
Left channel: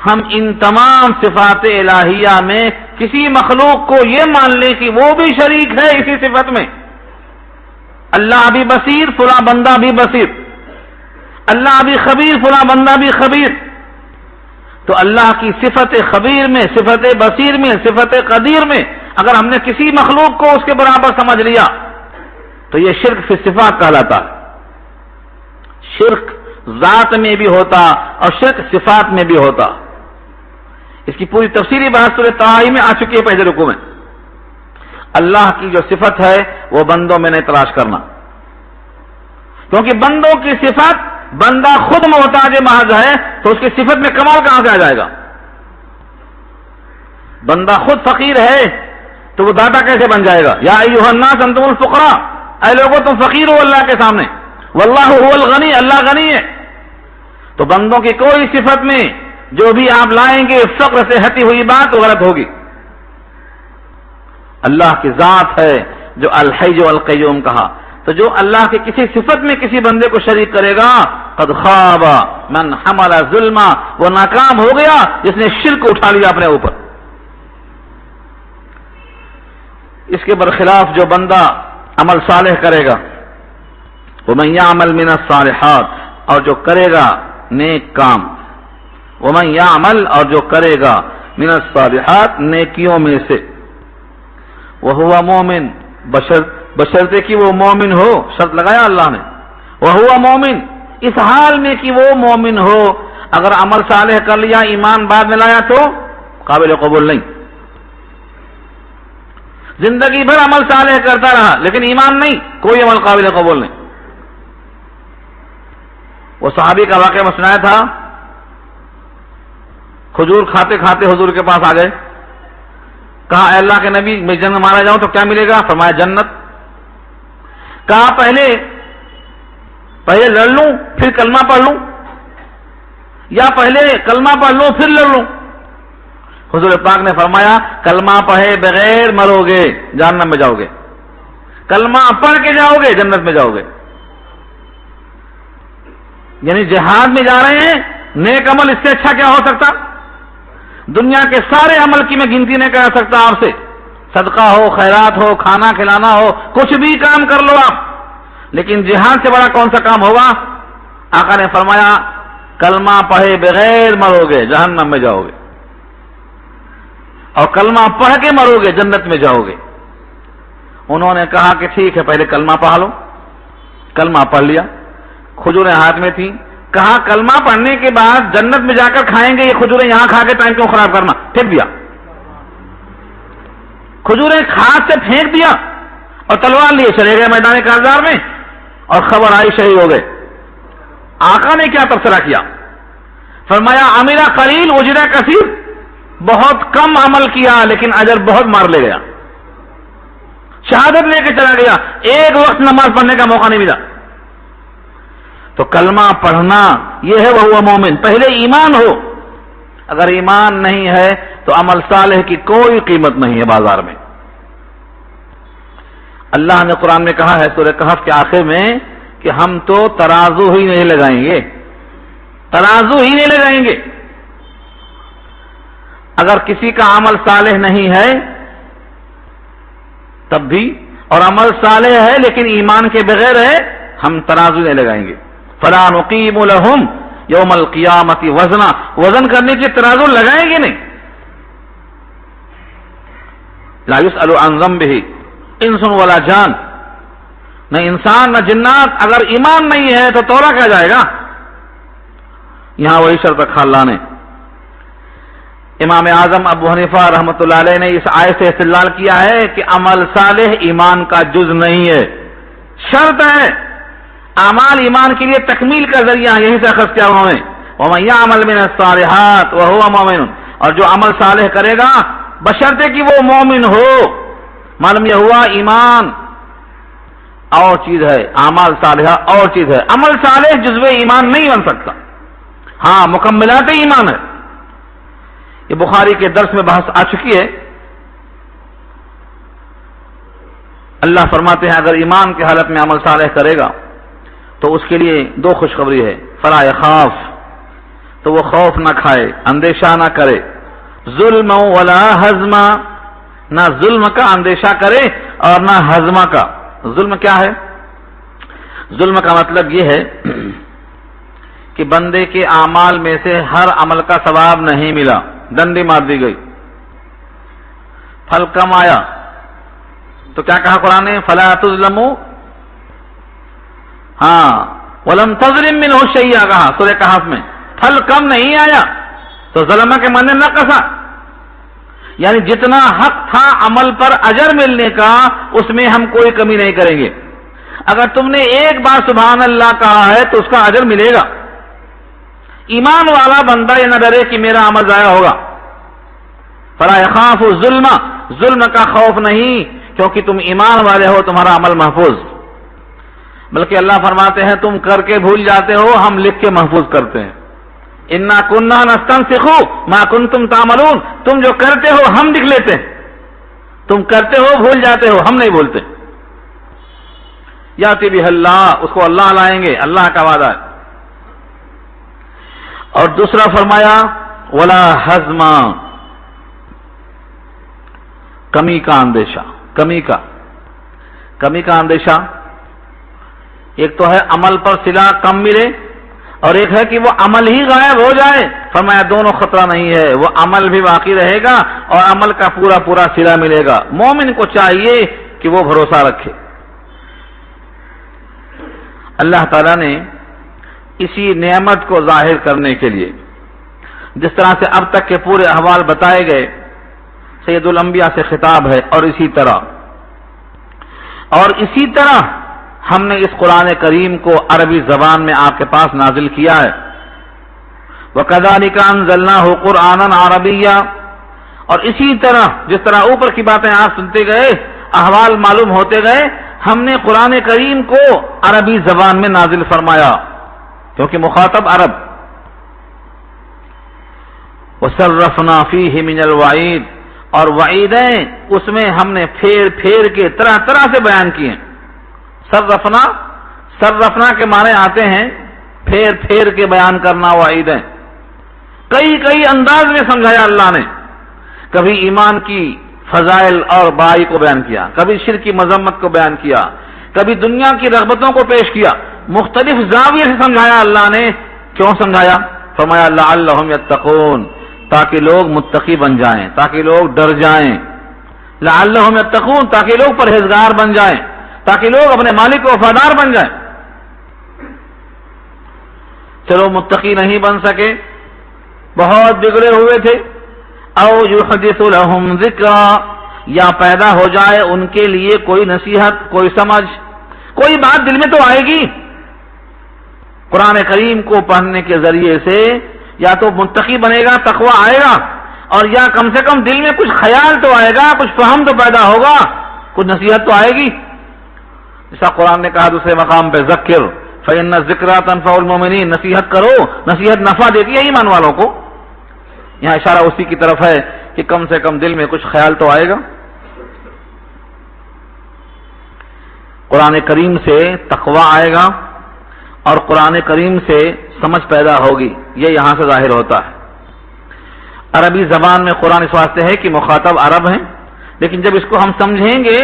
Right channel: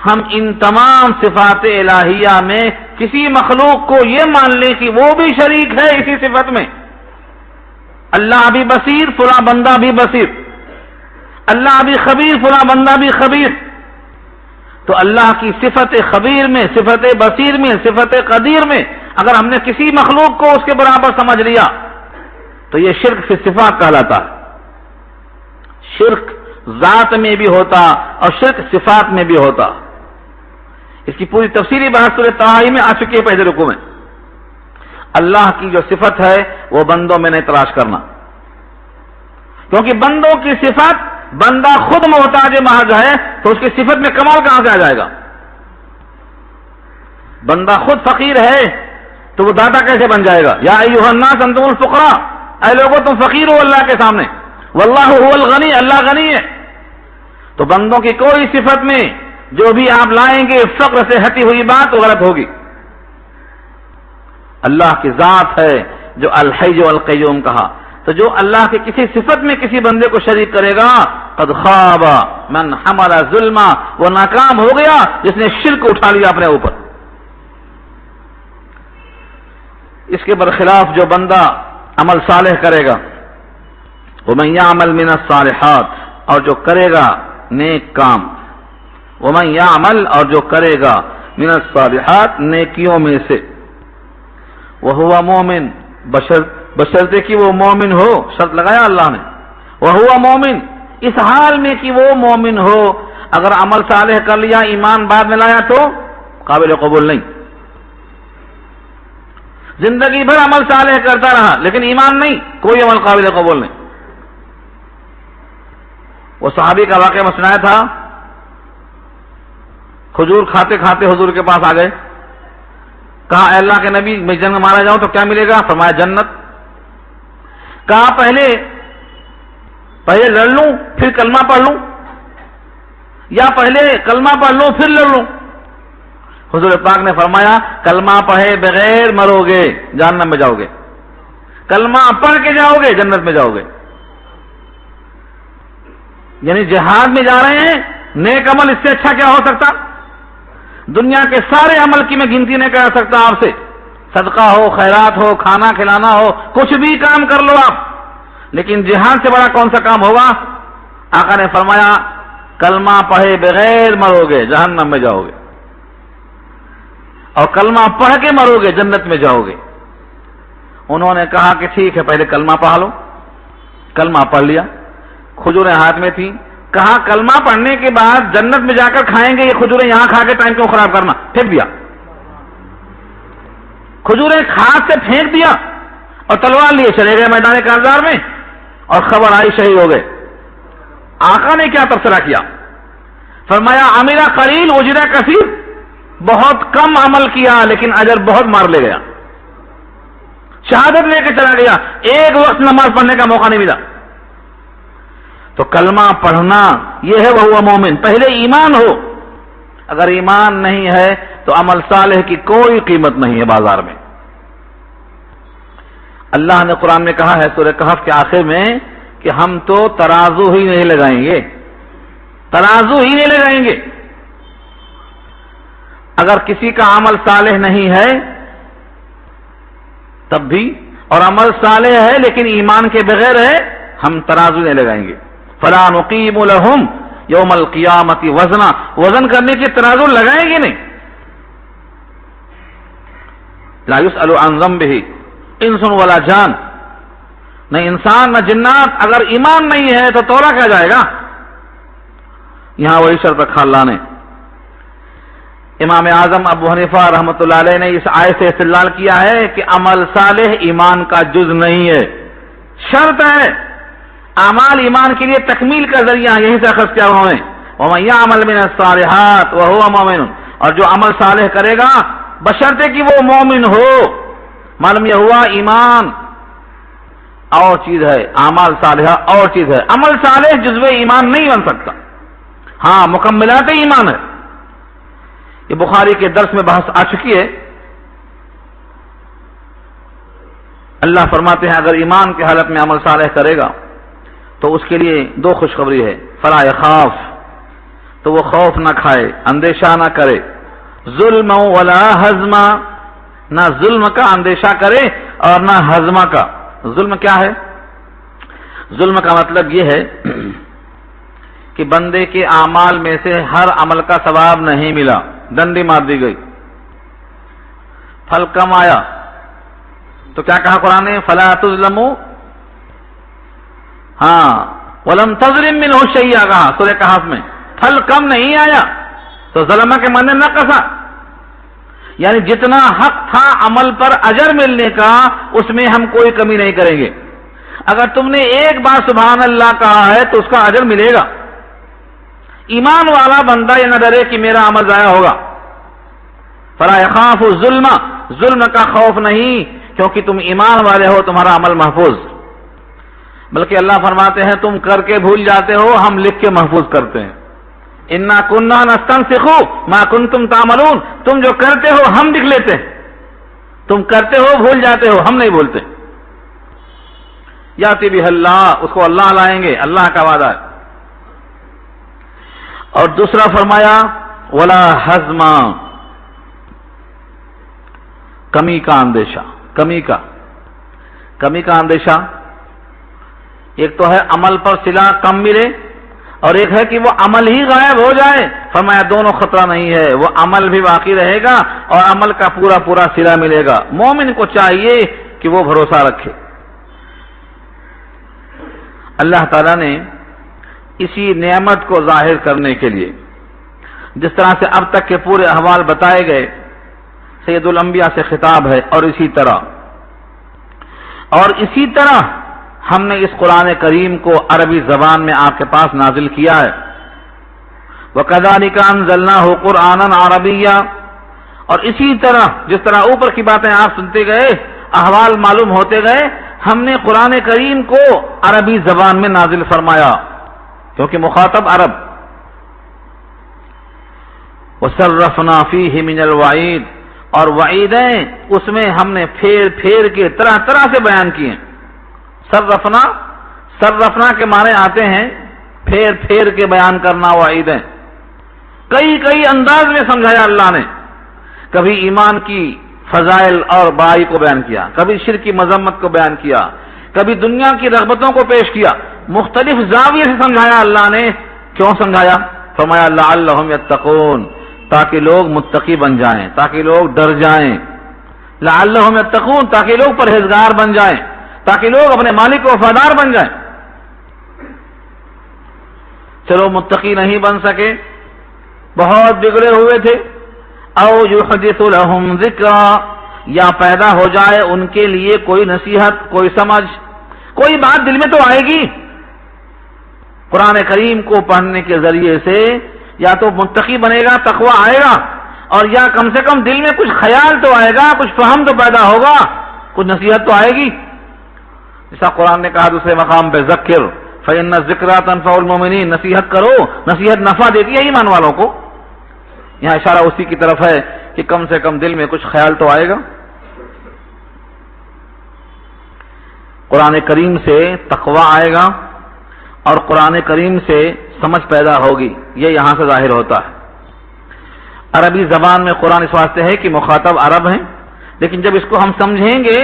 ہم ان تمام صفات الہیہ میں کسی مخلوق کو یہ مان لیں کہ وہ بھی شریک ہے اسی صفت میں. اللہ بھی بصیر، فلاں بندہ بھی بصیر، اللہ بھی خبیر، فلاں بندہ بھی خبیر. تو اللہ کی صفت خبیر میں، صفت بصیر میں، صفت قدیر میں اگر ہم نے کسی مخلوق کو اس کے برابر سمجھ لیا تو یہ شرک فی صفات کہلاتا ہے. شرک ذات میں بھی ہوتا اور شرک صفات میں بھی ہوتا. اس کی پوری تفصیلی بحث سورہ طٰہٰ میں آ چکی ہے پہلے رکوع میں. اللہ کی جو صفت ہے وہ بندوں میں نہیں تلاش کرنا، کیونکہ بندوں کی صفت، بندہ خود محتاج محض ہے تو اس کی صفت میں کمال کہاں سے آ جائے گا؟ بندہ خود فقیر ہے تو وہ داتا کیسے بن جائے گا؟ یا ایھا الناس انتم الفقراء، اے لوگوں تم فقیر ہو اللہ کے سامنے. واللہ هو الغنی، اللہ غنی ہے. تو بندوں کی کوئی صفت میں جو بھی آپ لائیں گے فقر سے ہٹی ہوئی بات وہ غلط ہوگی. اللہ کی ذات ہے جو الحی والقیوم کہا. تو جو اللہ کے کسی صفت میں کسی بندے کو شریک کرے گا قد خاب من حمل ظلما، وہ ناکام ہو گیا جس نے شرک اٹھا لیا اپنے اوپر. اس کے برخلاف جو بندہ عمل صالح کرے گا، ومن یعمل من الصالحات، اور جو کرے گا نیک کام، ومن یعمل، اور جو کرے گا من الصالحات نیکیوں میں سے، وہو مومن، بشرطے کہ وہ مومن ہو، شرط لگایا اللہ نے، وہو مومن، اس حال میں کہ وہ مومن ہو. اگر عمل صالح کر لیا ایمان بعد میں لایا تو قابل قبول نہیں. زندگی بھر عمل صالح کرتا رہا لیکن ایمان نہیں، کوئی عمل قابل قبول نہیں. وہ صحابی کا واقعہ میں سنایا تھا، کھجور کھاتے کھاتے حضور کے پاس آ گئے، کہا اے اللہ کے نبی میں جنت مارا جاؤں تو کیا ملے گا؟ فرمایا جنت. کہا پہلے لڑ لوں پھر کلمہ پڑھ لوں، یا پہلے کلمہ پڑھ لوں پھر لڑ لوں؟ حضور پاک نے فرمایا کلمہ پڑھے بغیر مرو گے جہنم میں جاؤ گے، کلمہ پڑھ کے جاؤ گے جنت میں جاؤ گے۔ یعنی جہاد میں جا رہے ہیں، نیک عمل اس سے اچھا کیا ہو سکتا؟ دنیا کے سارے عمل کی میں گنتی نہیں کر سکتا آپ سے، صدقہ ہو، خیرات ہو، کھانا کھلانا ہو، کچھ بھی کام کر لو آپ، لیکن جہاد سے بڑا کون سا کام ہوگا؟ آقا نے فرمایا کلمہ پڑھے بغیر مرو گے جہنم میں جاؤ گے، اور کلمہ پڑھ کے مرو گے جنت میں جاؤ گے۔ انہوں نے کہا کہ ٹھیک ہے پہلے کلمہ پڑھ لو، کلمہ پڑھ لیا، کھجوریں ہاتھ میں تھی، کہا کلمہ پڑھنے کے بعد جنت میں جا کر کھائیں گے، یہ کھجوریں یہاں کھا کے ٹائم کیوں خراب کرنا، پھینک دیا، کھجوریں ہاتھ سے پھینک دیا اور تلوار لیے چلے گئے میدان کارزار میں، اور خبر آئی شہید ہو گئے۔ آقا نے کیا تبصرہ کیا؟ فرمایا عمل قلیل اجر کثیر، بہت کم عمل کیا لیکن اجر بہت مار لے گیا، شہادت لے کے چلا گیا، ایک وقت نماز پڑھنے کا موقع نہیں ملا۔ تو کلمہ پڑھنا یہ ہے وہ مومن، پہلے ایمان ہو، اگر ایمان نہیں ہے تو عمل صالح کی کوئی قیمت نہیں ہے بازار میں۔ اللہ نے قرآن میں کہا ہے سورہ کہف کے آخر میں کہ ہم تو ترازو ہی نہیں لگائیں گے، ترازو ہی نہیں لگائیں گے۔ اگر کسی کا عمل صالح نہیں ہے تب بھی، اور عمل صالح ہے لیکن ایمان کے بغیر ہے، ہم ترازو نہیں لگائیں گے۔ فلا نقیم لهم یوم القیامت وزنا، وزن کرنے کی ترازو لگائیں گے نہیں۔ لا يسأل عن ذنبه انس ولا جان، نہ انسان نہ جنات، اگر ایمان نہیں ہے تو توڑا کیا جائے گا؟ یہاں وہی شرط رکھا اللہ نے۔ امام اعظم ابو حنیفہ رحمۃ اللہ علیہ نے اس آیت سے استدلال کیا ہے کہ عمل صالح ایمان کا جز نہیں ہے، شرط ہے۔ اعمال ایمان کے لیے تکمیل کا ذریعہ، یہی سے اخذ کیا انہوں نے، وَمَن يَعْمَلْ مِنَ الصَّالِحَاتِ وَهُوَ مُؤْمِنٌ، اور جو عمل صالح کرے گا بشرطے کہ وہ مومن ہو۔ معلوم یہ ہوا ایمان اور چیز ہے، اعمال صالحہ اور چیز ہے۔ عمل صالح جزو ایمان نہیں بن سکتا، ہاں مکملات ایمان ہے۔ یہ بخاری کے درس میں بحث آ چکی ہے۔ اللہ فرماتے ہیں اگر ایمان کی حالت میں عمل صالح کرے گا تو اس کے لیے دو خوشخبری ہے، فلا یخاف، تو وہ خوف نہ کھائے، اندیشہ نہ کرے، ظلم ولا ہضم، نہ ظلم کا اندیشہ کرے اور نہ ہضم کا۔ ظلم کیا ہے؟ ظلم کا مطلب یہ ہے کہ بندے کے اعمال میں سے ہر عمل کا ثواب نہیں ملا، ڈنڈی مار دی گئی، پھل کم آیا، تو کیا کہا قرآن نے؟ فلا تظلموا، ہاں ولم تظلم منہ شیئا، کہا سورہ کہف میں، پھل کم نہیں آیا تو ظلمہ کے معنی نہ کسا، یعنی جتنا حق تھا عمل پر اجر ملنے کا اس میں ہم کوئی کمی نہیں کریں گے۔ اگر تم نے ایک بار سبحان اللہ کہا ہے تو اس کا اجر ملے گا۔ ایمان والا بندہ یہ نہ ڈرے کہ میرا عمل ضائع ہوگا۔ فلا یخاف الظلم، ظلم کا خوف نہیں، کیونکہ تم ایمان والے ہو، تمہارا عمل محفوظ۔ بلکہ اللہ فرماتے ہیں تم کر کے بھول جاتے ہو، ہم لکھ کے محفوظ کرتے ہیں۔ انا کننا نستنسخ ما کنتم تعملون، تم جو کرتے ہو ہم لکھ لیتے ہیں، تم کرتے ہو بھول جاتے ہو، ہم نہیں بھولتے۔ یاتی بہ اللہ، اس کو اللہ لائیں گے، اللہ کا وعدہ ہے۔ اور دوسرا فرمایا ولا ہضم، کمی کا اندیشہ، کمی کا اندیشہ، ایک تو ہے عمل پر صلہ کم ملے، اور ایک ہے کہ وہ عمل ہی غائب ہو جائے۔ فرمایا دونوں خطرہ نہیں ہے، وہ عمل بھی باقی رہے گا اور عمل کا پورا پورا صلہ ملے گا۔ مومن کو چاہیے کہ وہ بھروسہ رکھے۔ اللہ تعالیٰ نے اسی نعمت کو ظاہر کرنے کے لیے جس طرح سے اب تک کے پورے احوال بتائے گئے، سید الانبیاء سے خطاب ہے، اور اسی طرح ہم نے اس قرآن کریم کو عربی زبان میں آپ کے پاس نازل کیا ہے۔ وَكَذَلِكَ أَنزَلْنَاهُ قُرْآنًا عَرَبِيًّا، اور اسی طرح جس طرح اوپر کی باتیں آپ سنتے گئے، احوال معلوم ہوتے گئے، ہم نے قرآن کریم کو عربی زبان میں نازل فرمایا، کیونکہ مخاطب عرب۔ وَصَرَّفْنَا فِيهِ مِنَ الْوَعِيدِ، اور وعیدیں اس میں ہم نے پھیر پھیر کے طرح طرح سے بیان کیے. صرفنا کے معنی آتے ہیں پھیر پھیر کے بیان کرنا وعیدیں. کئی انداز میں سمجھایا اللہ نے. کبھی ایمان کی فضائل اور برائی کو بیان کیا، کبھی شرک کی مذمت کو بیان کیا، کبھی دنیا کی رغبتوں کو پیش کیا. مختلف زاویے سے سمجھایا اللہ نے. کیوں سمجھایا؟ فرمایا لعلہم یتقون، تاکہ لوگ متقی بن جائیں، تاکہ لوگ ڈر جائیں. لعلہم یتقون، تاکہ لوگ پرہیزگار بن جائیں، تاکہ لوگ اپنے مالک کو وفادار بن جائیں. چلو متقی نہیں بن سکے، بہت بگڑے ہوئے تھے. او یحدث لهم ذکرا، یا پیدا ہو جائے ان کے لیے کوئی نصیحت، کوئی سمجھ، کوئی بات دل میں تو آئے گی. قرآن کریم کو پڑھنے کے ذریعے سے یا تو متقی بنے گا، تقوی آئے گا، اور یا کم سے کم دل میں کچھ خیال تو آئے گا، کچھ فہم تو پیدا ہوگا، کچھ نصیحت تو آئے گی. جیسا قرآن نے کہا دوسرے مقام پہ ذکر فإن الذکریٰ تنفع المؤمنین، نصیحت کرو، نصیحت نفع دیتی ہے ایمان والوں کو. یہاں اشارہ اسی کی طرف ہے کہ کم سے کم دل میں کچھ خیال تو آئے گا. قرآن کریم سے تقوی آئے گا اور قرآن کریم سے سمجھ پیدا ہوگی. یہ یہاں سے ظاہر ہوتا ہے. عربی زبان میں قرآن اس واسطے ہے کہ مخاطب عرب ہیں، لیکن جب اس کو ہم سمجھیں گے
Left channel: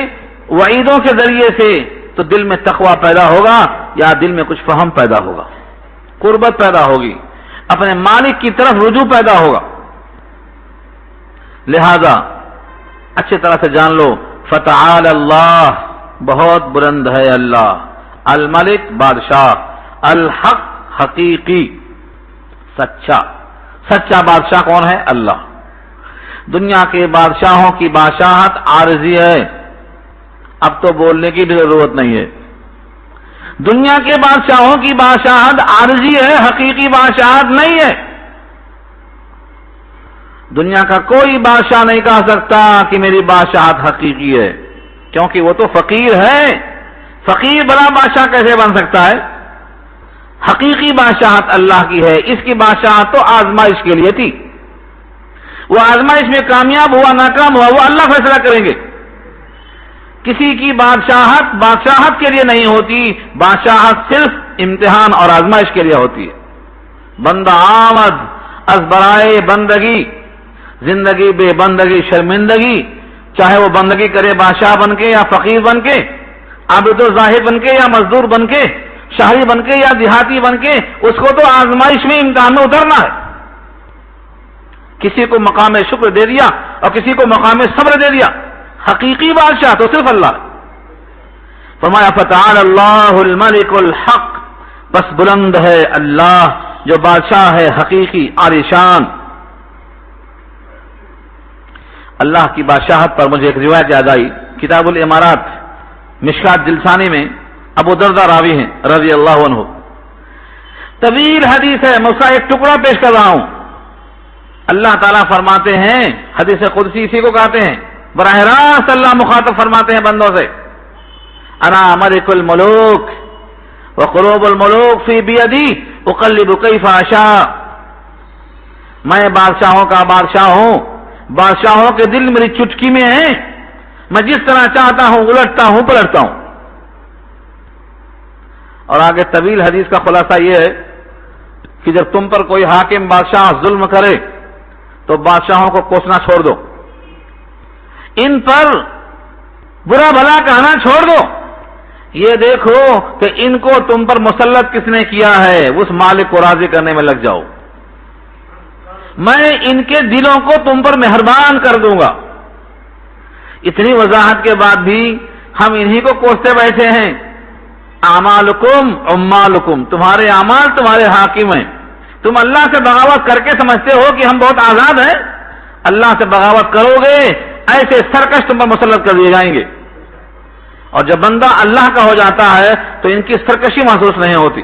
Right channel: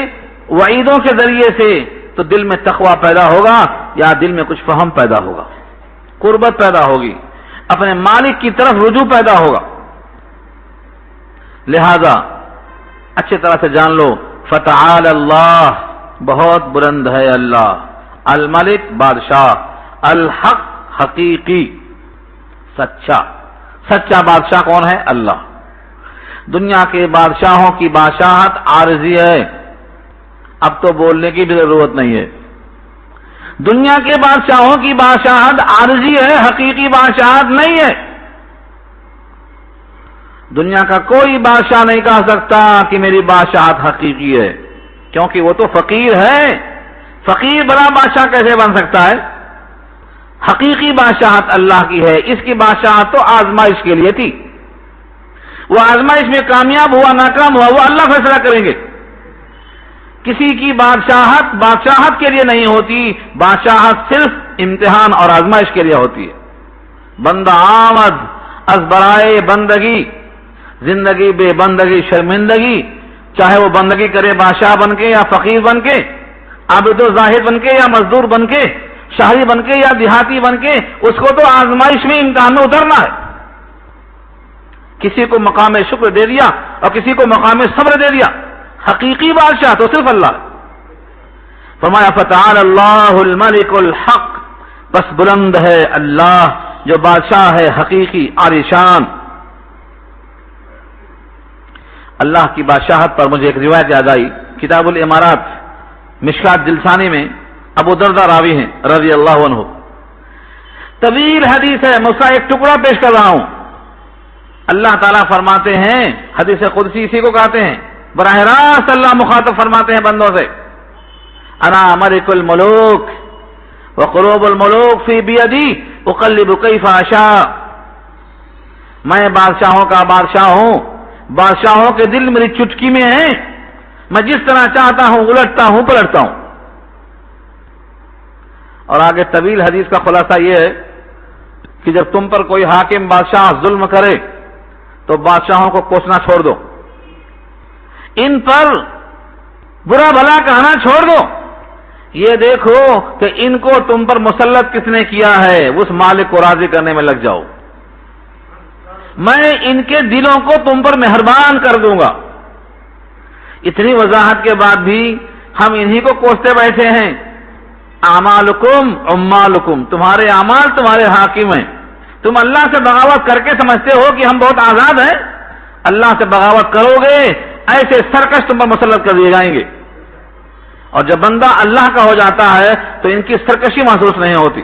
وعیدوں کے ذریعے سے تو دل میں تقوی پیدا ہوگا، یا دل میں کچھ فہم پیدا ہوگا، قربت پیدا ہوگی، اپنے مالک کی طرف رجوع پیدا ہوگا. لہذا اچھی طرح سے جان لو فتعال اللہ، بہت بلند ہے اللہ، الملک بادشاہ، الحق حقیقی سچا. سچا بادشاہ کون ہے؟ اللہ. دنیا کے بادشاہوں کی بادشاہت عارضی ہے، اب تو بولنے کی بھی ضرورت نہیں ہے. دنیا کے بادشاہوں کی بادشاہت عارضی ہے، حقیقی بادشاہت نہیں ہے. دنیا کا کوئی بادشاہ نہیں کہہ سکتا کہ میری بادشاہت حقیقی ہے، کیونکہ وہ تو فقیر ہے. فقیر بڑا بادشاہ کیسے بن سکتا ہے؟ حقیقی بادشاہت اللہ کی ہے. اس کی بادشاہت تو آزمائش کے لیے تھی. وہ آزمائش میں کامیاب ہوا ناکام ہوا وہ اللہ فیصلہ کریں گے. کسی کی بادشاہت کے لیے نہیں ہوتی، بادشاہت صرف امتحان اور آزمائش کے لیے ہوتی ہے. بندہ آمد از برائے بندگی، زندگی بے بندگی شرمندگی. چاہے وہ بندگی کرے بادشاہ بن کے یا فقیر بن کے، عابد و زاہد بن کے یا مزدور بن کے، شہری بن کے یا دیہاتی بن کے، اس کو تو آزمائش میں امتحان میں اترنا ہے. کسی کو مقام شکر دے دیا اور کسی کو مقام صبر دے دیا. حقیقی بادشاہ تو صرف اللہ. فرمایا فتعال اللہ الملک الحق، بس بلند ہے اللہ جو بادشاہ ہے حقیقی عالی شان. اللہ کی بادشاہت پر مجھے ایک روایت یاد آئی. کتاب الامارات مشکات جلسانی میں ابو دردہ راوی ہیں رضی اللہ عنہ. طویل حدیث ہے، میں اس کا ایک ٹکڑا پیش کر رہا ہوں. اللہ تعالیٰ فرماتے ہیں، حدیث قدسی اسی کو کہتے ہیں، براہ راست اللہ مخاطب فرماتے ہیں بندوں سے، انا ملک الملوک وقلوب الملوک فی بیدی اقلب کیف اشاء. میں بادشاہوں کا بادشاہ ہوں، بادشاہوں کے دل میری چٹکی میں ہیں، میں جس طرح چاہتا ہوں الٹتا ہوں پلٹتا ہوں. اور آگے طویل حدیث کا خلاصہ یہ ہے کہ جب تم پر کوئی حاکم بادشاہ ظلم کرے تو بادشاہوں کو کوسنا چھوڑ دو، ان پر برا بھلا کہنا چھوڑ دو. یہ دیکھو کہ ان کو تم پر مسلط کس نے کیا ہے، اس مالک کو راضی کرنے میں لگ جاؤ. میں ان کے دلوں کو تم پر مہربان کر دوں گا. اتنی وضاحت کے بعد بھی ہم انہی کو کوستے بیٹھے ہیں. اعمالکم عمالکم، تمہارے اعمال تمہارے حاکم ہیں. تم اللہ سے بغاوت کر کے سمجھتے ہو کہ ہم بہت آزاد ہیں. اللہ سے بغاوت کرو گے ایسے سرکش تم پر مسلط کر دیے جائیں گے. اور جب بندہ اللہ کا ہو جاتا ہے تو ان کی سرکشی محسوس نہیں ہوتی.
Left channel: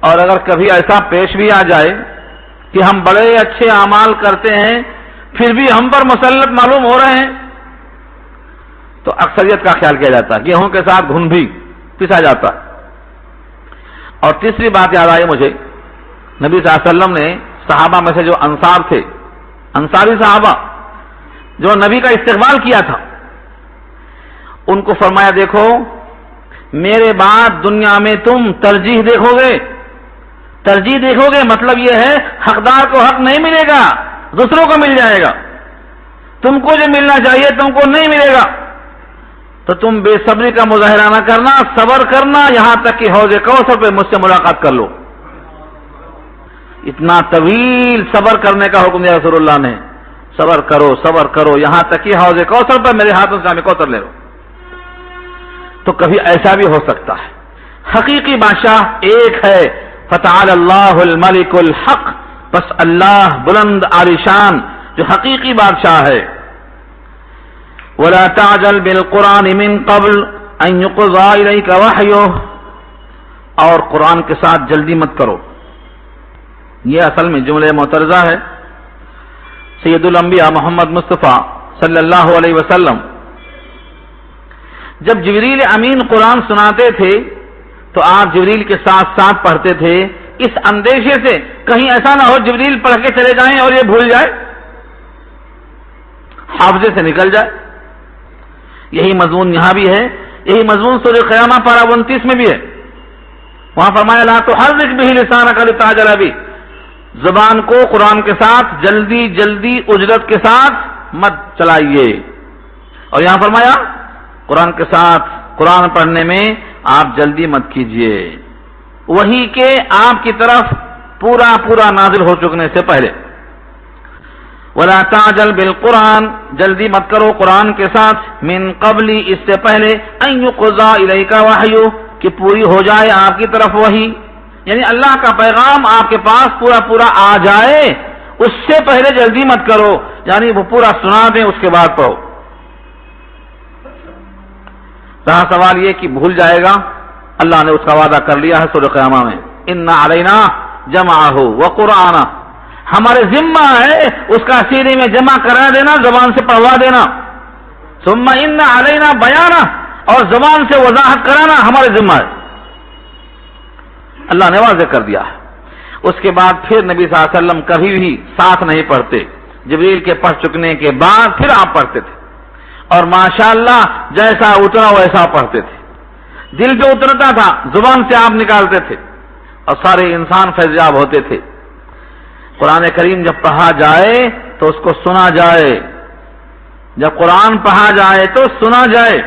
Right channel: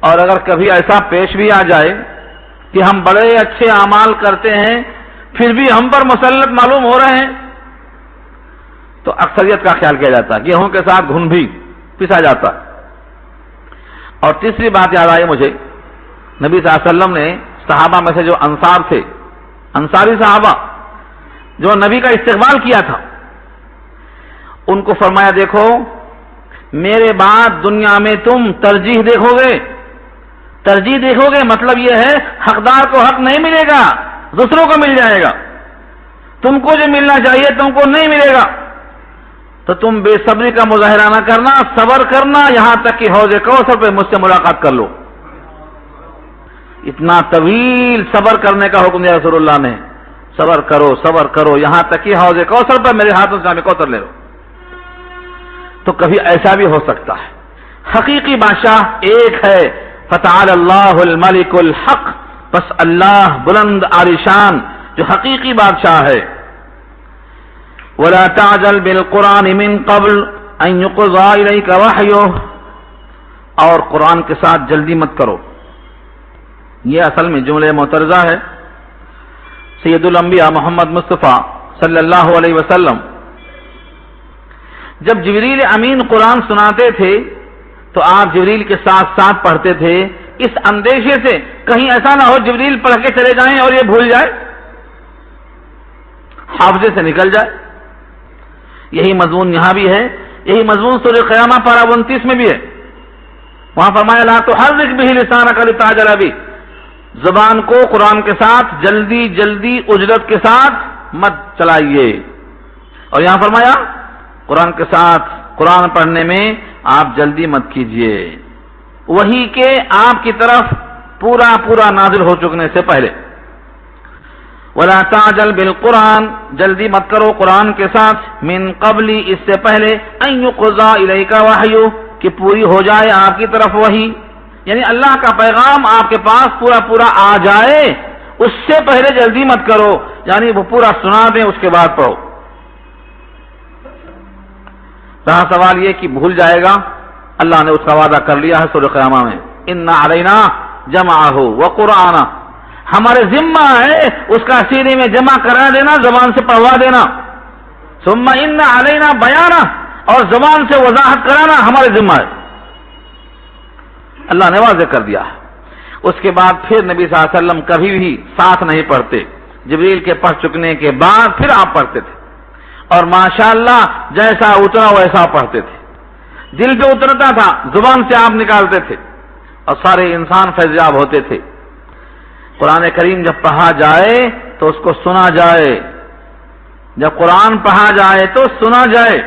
اور اگر کبھی ایسا پیش بھی آ جائے کہ ہم بڑے اچھے اعمال کرتے ہیں پھر بھی ہم پر مسلط معلوم ہو رہے ہیں تو اکثریت کا خیال کیا جاتا ہے، گیہوں کے ساتھ گھن بھی پسا جاتا ہے. اور تیسری بات یاد آئی مجھے، نبی صلی اللہ علیہ وسلم نے صحابہ میں سے جو انصار تھے، انصاری صحابہ جو نبی کا استقبال کیا تھا، ان کو فرمایا دیکھو میرے بعد دنیا میں تم ترجیح دیکھو گے، مطلب یہ ہے حقدار کو حق نہیں ملے گا، دوسروں کو مل جائے گا، تم کو جو ملنا چاہیے تم کو نہیں ملے گا، تو تم بے صبری کا مظاہرہ نہ کرنا، صبر کرنا، یہاں تک کہ حوض کوثر پہ مجھ سے ملاقات کر لو۔ اتنا طویل صبر کرنے کا حکم دیا رسول اللہ نے، صبر کرو یہاں تک کہ حوض کوثر پر میرے ہاتھوں سے ہمیں کوثر لے لو۔ تو کبھی ایسا بھی ہو سکتا ہے۔ حقیقی بادشاہ ایک ہے، فتعال اللہ الملک الحق، بس اللہ بلند عالیشان جو حقیقی بادشاہ ہے۔ ولا تعجل بالقرآن من قبل ان يقضى اليك وحيه، اور قرآن کے ساتھ جلدی مت کرو۔ یہ اصل میں جملہ معترضہ ہے۔ سید الانبیاء محمد مصطفیٰ صلی اللہ علیہ وسلم جب جبریل امین قرآن سناتے تھے تو آپ جبریل کے ساتھ ساتھ پڑھتے تھے، اس اندیشے سے کہیں ایسا نہ ہو جبریل پڑھ کے چلے جائیں اور یہ بھول جائے، حافظے سے نکل جائے۔ یہی مضمون یہاں بھی ہے، یہی مضمون سورہ قیامہ پارہ 29 میں بھی ہے۔ وہاں فرمایا لا تحرک بہ لسانک لتعجل بہ، زبان کو قرآن کے ساتھ جلدی جلدی اجرت کے ساتھ مت چلائیے۔ اور یہاں فرمایا قرآن کے ساتھ قرآن پڑھنے میں آپ جلدی مت کیجیے، وہی کہ آپ کی طرف پورا نازل ہو چکنے سے پہلے۔ ولا تعجل بالقرآن، جلدی مت کرو قرآن کے ساتھ، من قبل، اس سے پہلے، ان يقضى الیک وحی، کہ پوری ہو جائے آپ کی طرف وحی، یعنی اللہ کا پیغام آپ کے پاس پورا آ جائے، اس سے پہلے جلدی مت کرو، یعنی وہ پورا سنا دیں اس کے بعد پڑھو۔ رہا سوال یہ کہ بھول جائے گا، اللہ نے اس کا وعدہ کر لیا ہے سورہ قیامہ میں، ان علینا جمعہ وقرآنہ، ہمارے ذمہ ہے اس کا سینے میں جمع کرا دینا، زبان سے پڑھوا دینا، ثم ان علینا بیانہ، اور زبان سے وضاحت کرانا ہمارے ذمہ ہے، اللہ نے واضح کر دیا ہے۔ اس کے بعد پھر نبی صلی اللہ علیہ وسلم کبھی بھی ساتھ نہیں پڑھتے، جبریل کے پڑھ چکنے کے بعد پھر آپ پڑھتے تھے، اور ماشاءاللہ جیسا اترا ویسا پڑھتے تھے، دل جو اترتا تھا زبان سے آپ نکالتے تھے، اور سارے انسان فیضیاب ہوتے تھے۔ قرآن کریم جب پڑھا جائے تو اس کو سنا جائے، جب قرآن پڑھا جائے تو سنا جائے۔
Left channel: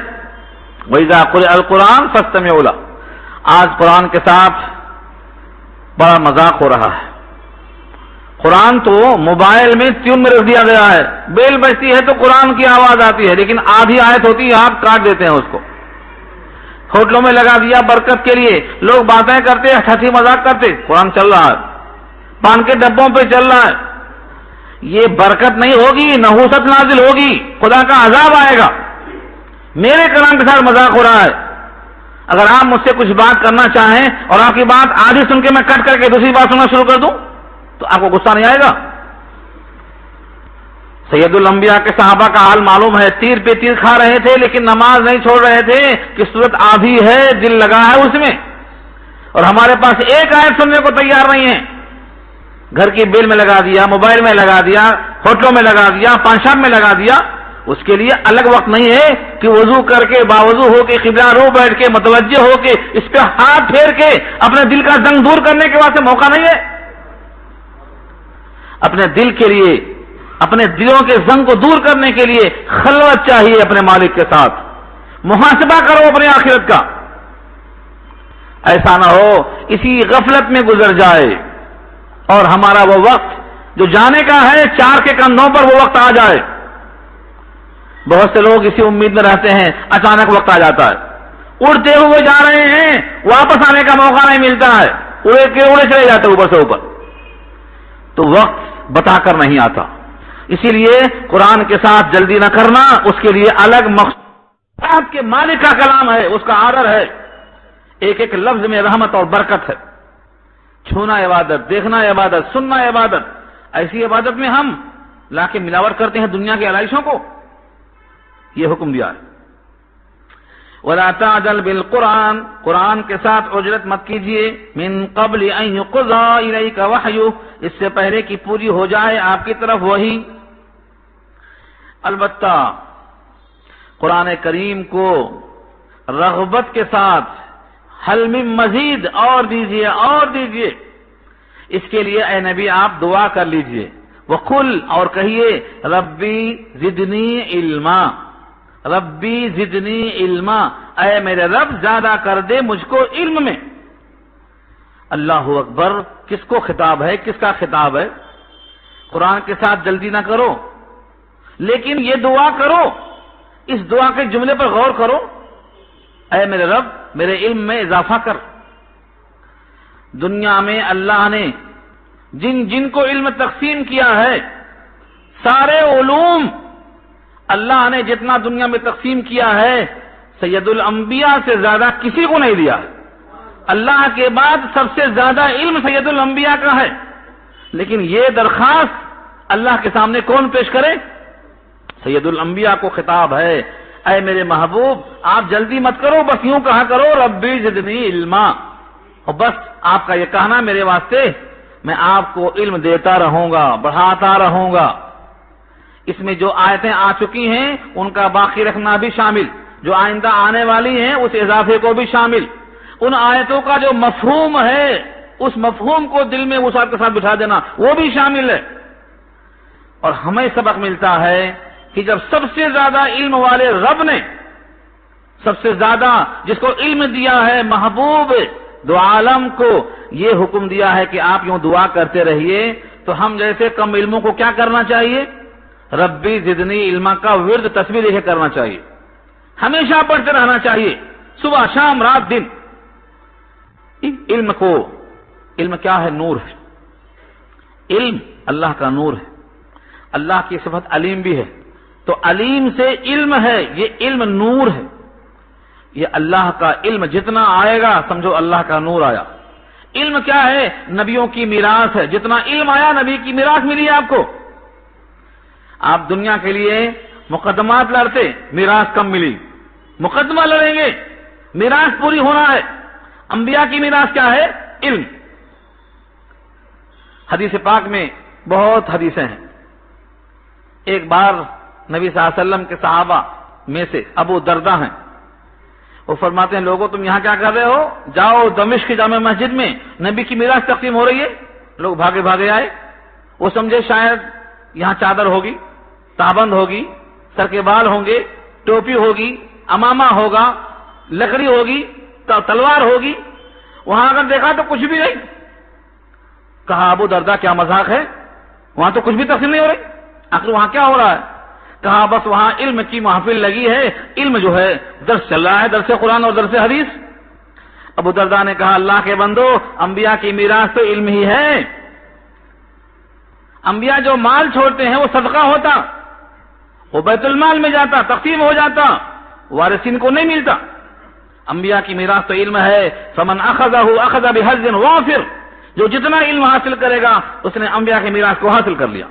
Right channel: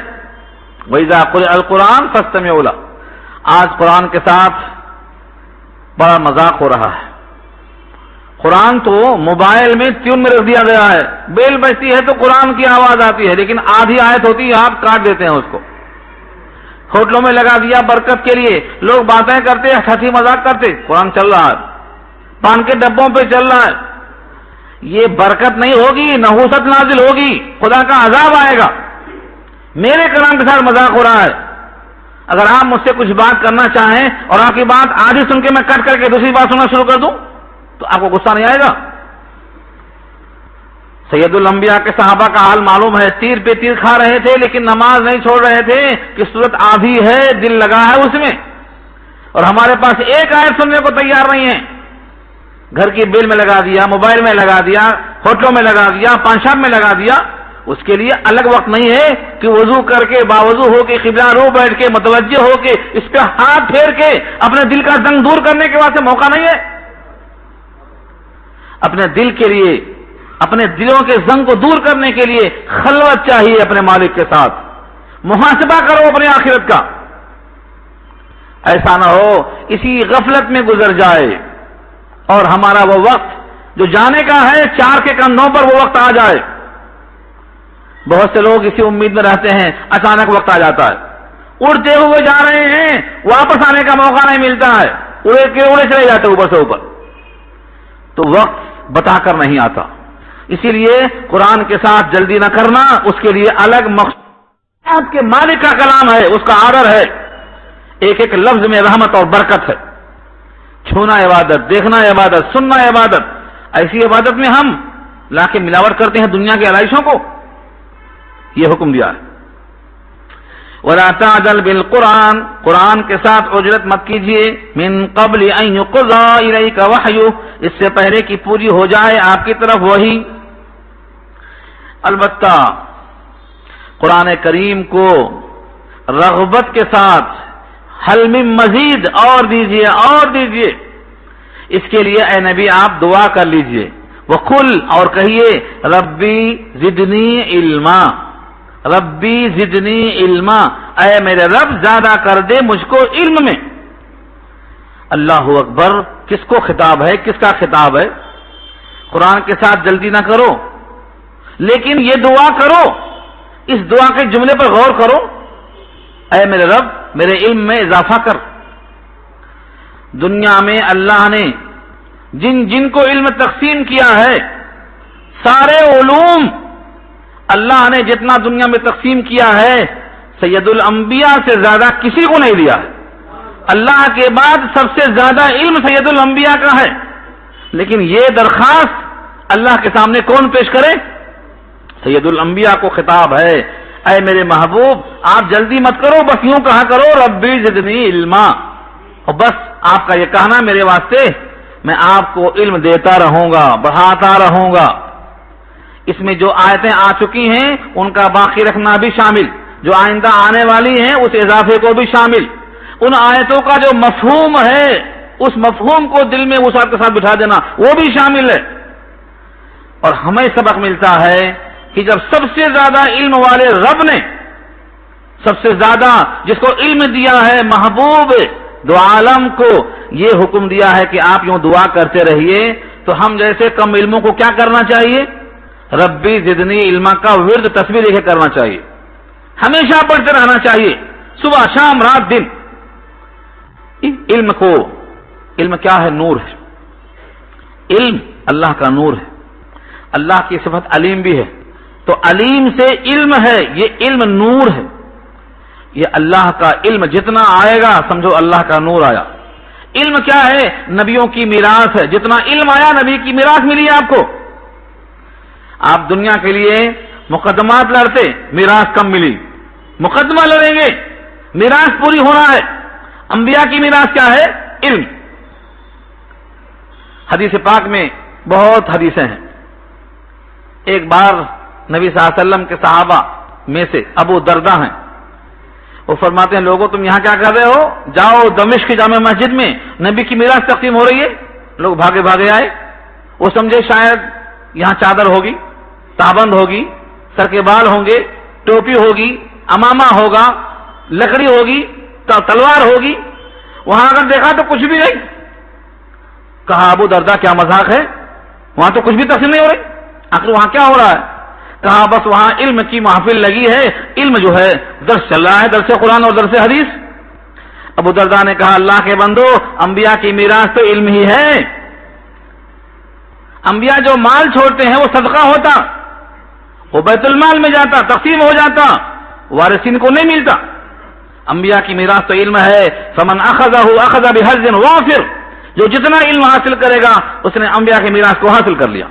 وَإِذَا قُرِئَ الْقُرْآنُ فَاسْتَمِعُوا لَهُ، آج قرآن کے ساتھ بڑا مذاق ہو رہا ہے۔ قرآن تو موبائل میں ٹیون میں رکھ دیا گیا ہے، بیل بجتی ہے تو قرآن کی آواز آتی ہے، لیکن آدھی آیت ہوتی ہے آپ کاٹ دیتے ہیں اس کو، ہوٹلوں میں لگا دیا برکت کے لیے، لوگ باتیں کرتے ہیں، ہنسی مذاق کرتے، قرآن چل رہا ہے، پان کے ڈبوں پہ چل رہا ہے، یہ برکت نہیں ہوگی، نحوست نازل ہوگی، خدا کا عذاب آئے گا۔ میرے کلام کے ساتھ مذاق ہو رہا ہے، اگر آپ مجھ سے کچھ بات کرنا چاہیں اور آپ کی بات آدھی سن کے میں کٹ کر کے دوسری بات سننا شروع کر دوں تو آپ کو غصہ نہیں آئے گا؟ سید الانبیاء کے صحابہ کا حال معلوم ہے، تیر پہ تیر کھا رہے تھے لیکن نماز نہیں چھوڑ رہے تھے کہ صورت آدھی ہے، دل لگا ہے اس میں، اور ہمارے پاس ایک آیت سننے کو تیار نہیں ہے، گھر کی بیل میں لگا دیا، موبائل میں لگا دیا، ہوٹلوں میں لگا دیا، پان شام میں لگا دیا۔ اس کے لیے الگ وقت نہیں ہے کہ وضو کر کے باوضو ہو کے قبلہ رو بیٹھ کے متوجہ ہو کے اس پہ ہاتھ پھیر کے اپنے دل کا زنگ دور کرنے کے واسطے موقع نہیں ہے۔ اپنے دل کے لیے، اپنے دلوں کے زنگ کو دور کرنے کے لیے خلوت چاہیے اپنے مالک کے ساتھ، محاسبہ کرو اپنے آخرت کا، ایسا نہ ہو اسی غفلت میں گزر جائے اور ہمارا وہ وقت جو جانے کا ہے چار کے کندھوں پر وہ وقت آ جائے۔ بہت سے لوگ اسی امید میں رہتے ہیں، اچانک وقت آ جاتا ہے، اڑتے ہوئے جا رہے ہیں، واپس آنے کا موقع نہیں ملتا ہے، اڑے کے اڑے چلے جاتے اوپر سے اوپر، تو وقت بتا کر نہیں آتا۔ اسی لیے قرآن کے ساتھ جلدی نہ کرنا، اس کے لیے الگ مقصد کے مالک کا کلام ہے، اس کا آرڈر ہے، ایک ایک لفظ میں رحمت اور برکت ہے۔ چھونا عبادت، دیکھنا عبادت، سننا عبادت، ایسی عبادت میں ہم لا کے ملاوٹ کرتے ہیں دنیا کی علائشوں کو، یہ حکم دیا ہے۔ ولا تعجل بالقرآن، قرآن کے ساتھ اجرت مت کیجیے، من قبل ان يقضى الیک وحیہ، اس سے پہلے کہ پوری ہو جائے آپ کی طرف وحی۔ البتہ قرآن کریم کو رغبت کے ساتھ حل من مزید، اور دیجیے اور دیجیے، اس کے لیے اے نبی آپ دعا کر لیجیے، وقل، اور کہیے ربی زدنی علما، ربی زدنی علما، اے میرے رب زیادہ کر دے مجھ کو علم میں۔ اللہ اکبر، کس کو خطاب ہے، کس کا خطاب ہے؟ قرآن کے ساتھ جلدی نہ کرو، لیکن یہ دعا کرو، اس دعا کے جملے پر غور کرو، اے میرے رب میرے علم میں اضافہ کر۔ دنیا میں اللہ نے جن جن کو علم تقسیم کیا ہے، سارے علوم اللہ نے جتنا دنیا میں تقسیم کیا ہے، سید الانبیاء سے زیادہ کسی کو نہیں دیا ہے۔ اللہ کے بعد سب سے زیادہ علم سید الانبیاء کا ہے، لیکن یہ درخواست اللہ کے سامنے کون پیش کرے؟ سید الانبیاء کو خطاب ہے، اے میرے محبوب آپ جلدی مت کرو، بس یوں کہا کرو ربی زدنی علما، اور بس آپ کا یہ کہنا میرے واسطے، میں آپ کو علم دیتا رہوں گا، بڑھاتا رہوں گا۔ اس میں جو آیتیں آ چکی ہیں ان کا باقی رکھنا بھی شامل، جو آئندہ آنے والی ہیں اس اضافے کو بھی شامل، ان آیتوں کا جو مفہوم ہے اس مفہوم کو دل میں وسعت کے ساتھ بٹھا دینا وہ بھی شامل ہے۔ اور ہمیں سبق ملتا ہے کہ جب سب سے زیادہ علم والے رب نے سب سے زیادہ جس کو علم دیا ہے محبوب دو عالم کو یہ حکم دیا ہے کہ آپ یوں دعا کرتے رہیے، تو ہم جیسے کم علموں کو کیا کرنا چاہیے؟ ربی زدنی علما کا ورد تصویر لے کے کرنا چاہیے، ہمیشہ پڑھتے رہنا چاہیے، صبح شام رات دن۔ علم کیا ہے؟ نور ہے۔ علم اللہ کا نور ہے، اللہ کی صفت علیم بھی ہے، تو علیم سے علم ہے، یہ علم نور ہے، یہ اللہ کا علم جتنا آئے گا سمجھو اللہ کا نور آیا۔ علم کیا ہے؟ نبیوں کی میراث ہے، جتنا علم آیا نبی کی میراث ملی آپ کو۔ آپ دنیا کے لیے مقدمات لڑتے، میراث کم ملی، مقدمہ لڑیں گے، میراث پوری ہونا ہے۔ انبیاء کی میراث کیا ہے؟ علم۔ حدیث پاک میں بہت حدیثیں ہیں۔ ایک بار نبی صلی اللہ علیہ وسلم کے صحابہ میں سے ابو دردہ ہیں، وہ فرماتے ہیں لوگوں تم یہاں کیا کر رہے ہو؟ جاؤ دمشق کی جامع مسجد میں نبی کی میراث تقسیم ہو رہی ہے۔ لوگ بھاگے بھاگے آئے، وہ سمجھے شاید یہاں چادر ہوگی، تابند ہوگی، سر کے بال ہوں گے، ٹوپی ہوگی، امامہ ہوگا، لکڑی ہوگی، تلوار ہوگی۔ وہاں اگر دیکھا تو کچھ بھی نہیں۔ کہا ابو دردہ کیا مذاق ہے؟ وہاں تو کچھ بھی تقسیم نہیں ہو رہی، آخر وہاں کیا ہو رہا ہے؟ کہا بس وہاں علم کی محفل لگی ہے، علم جو ہے درس چل رہا ہے، درس قرآن اور درس حدیث۔ ابو دردہ نے کہا اللہ کے بندو، انبیاء کی میراث تو علم ہی ہے۔ انبیاء جو مال چھوڑتے ہیں وہ صدقہ ہوتا، وہ بیت المال میں جاتا، تقسیم ہو جاتا، وارثین کو نہیں ملتا۔ انبیاء کی میراث تو علم ہے، فمن اخذہ اخذ بحظ وافر، جو جتنا علم حاصل کرے گا اس نے انبیاء کی میراث کو حاصل کر لیا۔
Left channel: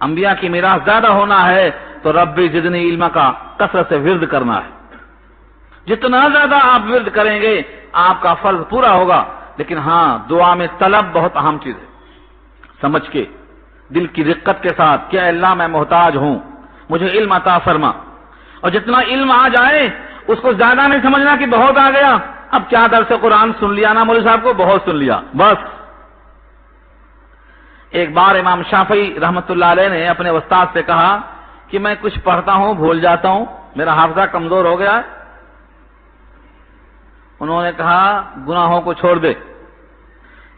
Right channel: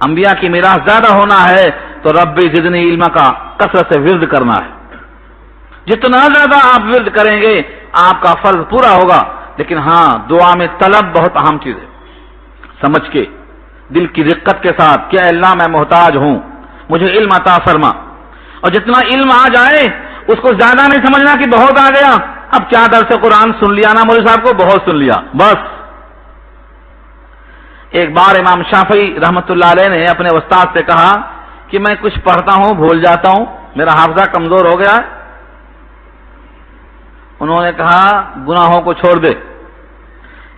انبیاء کی میراث زیادہ ہونا ہے تو رب زدنی علما کا کثرت سے ورد کرنا ہے۔ جتنا زیادہ آپ ورد کریں گے آپ کا فرض پورا ہوگا، لیکن ہاں دعا میں طلب بہت اہم چیز ہے، سمجھ کے دل کی رقت کے ساتھ کہ اے اللہ میں محتاج ہوں، مجھے علم عطا فرما۔ اور جتنا علم آ جائے اس کو زیادہ نہیں سمجھنا کہ بہت آ گیا، اب کیا درس قرآن سن لیا نا مولوی صاحب کو، بہت سن لیا بس۔ ایک بار امام شافعی رحمت اللہ علیہ نے اپنے استاد سے کہا کہ میں کچھ پڑھتا ہوں بھول جاتا ہوں، میرا حافظہ کمزور ہو گیا ہے۔ انہوں نے کہا گناہوں کو چھوڑ دے۔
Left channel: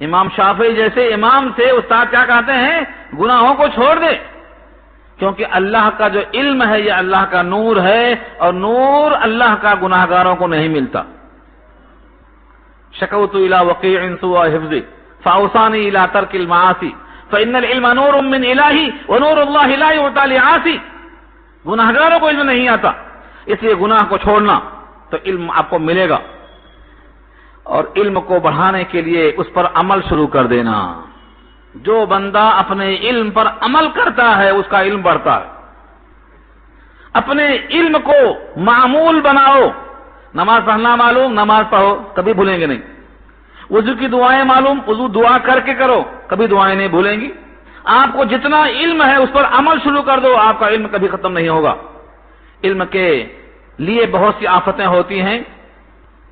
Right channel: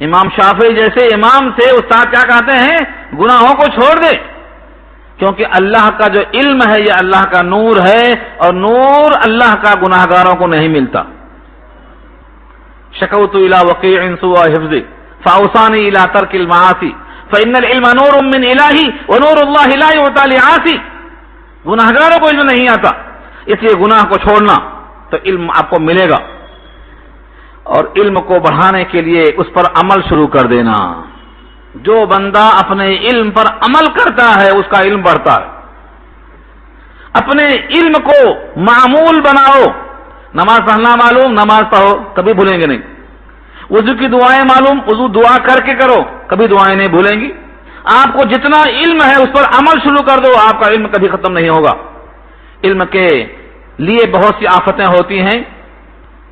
امام شافعی جیسے امام سے استاد کیا کہتے ہیں؟ گناہوں کو چھوڑ دے، کیونکہ اللہ کا جو علم ہے یہ اللہ کا نور ہے، اور نور اللہ کا گناہگاروں کو نہیں ملتا۔ شکوت الی وقیع سوء حفظی فاوصانی الی ترک المعاصی فإن العلم نور من الہی ونور اللہ لا یعطی لعاصی۔ گناہگاروں کو علم نہیں آتا، اس لیے گناہ کو چھوڑنا تو علم آپ کو ملے گا، اور علم کو بڑھانے کے لیے اس پر عمل شروع کر دینا۔ جو بندہ اپنے علم پر عمل کرتا ہے اس کا علم بڑھتا ہے۔ اپنے علم کو معمول بناؤ، نماز پڑھنا معلوم، نماز پڑھو، کبھی بھولیں گے نہیں. وضو کی دعائیں معلوم، وضو دعا کر کے کرو، کبھی دعائیں نہیں بھولیں گی. آپ کو جتنا علم ہے اس پر عمل شروع کر دو، آپ کا علم کبھی ختم نہیں ہوگا. علم کے لیے بہت سی آفتیں ہوتی ہیں،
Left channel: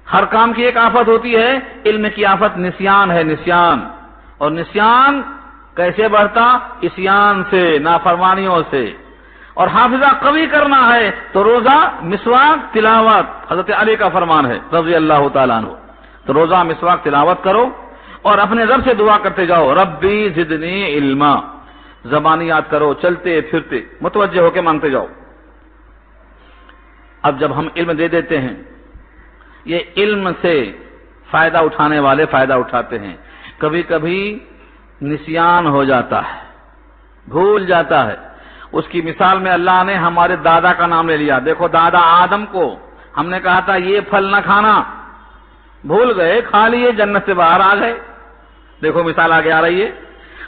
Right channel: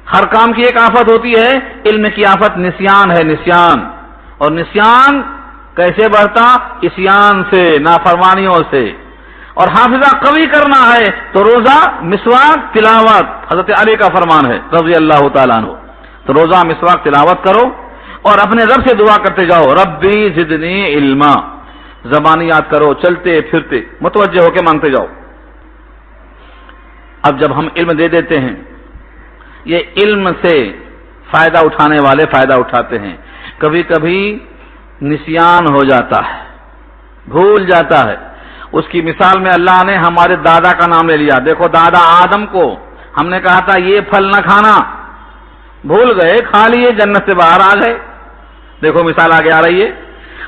ہر کام کی ایک آفت ہوتی ہے، علم کی آفت نسیان ہے، نسیان. اور نسیان کیسے بڑھتا؟ عصیان سے، نافرمانیوں سے. اور حافظہ قوی کرنا ہے تو روزہ مسواک تلاوت، حضرت علی کا فرمان ہے رضی اللہ تعالیٰ عنہ. تو روزہ مسواک تلاوت کرو اور اپنے رب سے دعا کرتے جاؤ، ربی زدنی علما. زبانی یاد کرو، چلتے پھرتے متوجہ ہو کے مانگتے جاؤ. اب جب ہم علم دے دیتے ہیں، یہ علم سے فائدہ اٹھانے والے فائدہ اٹھاتے ہیں. کبھی کبھی نسیان ہو جاتا ہے، بھول جاتا ہے. اس کی مثال میں اللہ نے ہمارے دادا کا نام لے لیا. دیکھو دادا آدم کو ہم نے کہا تھا یہ پھل نہ کھانا، بھول گئے، کھا لیے، جنت سے باہر آ گئے. دیکھو مثال آگے آ رہی ہے،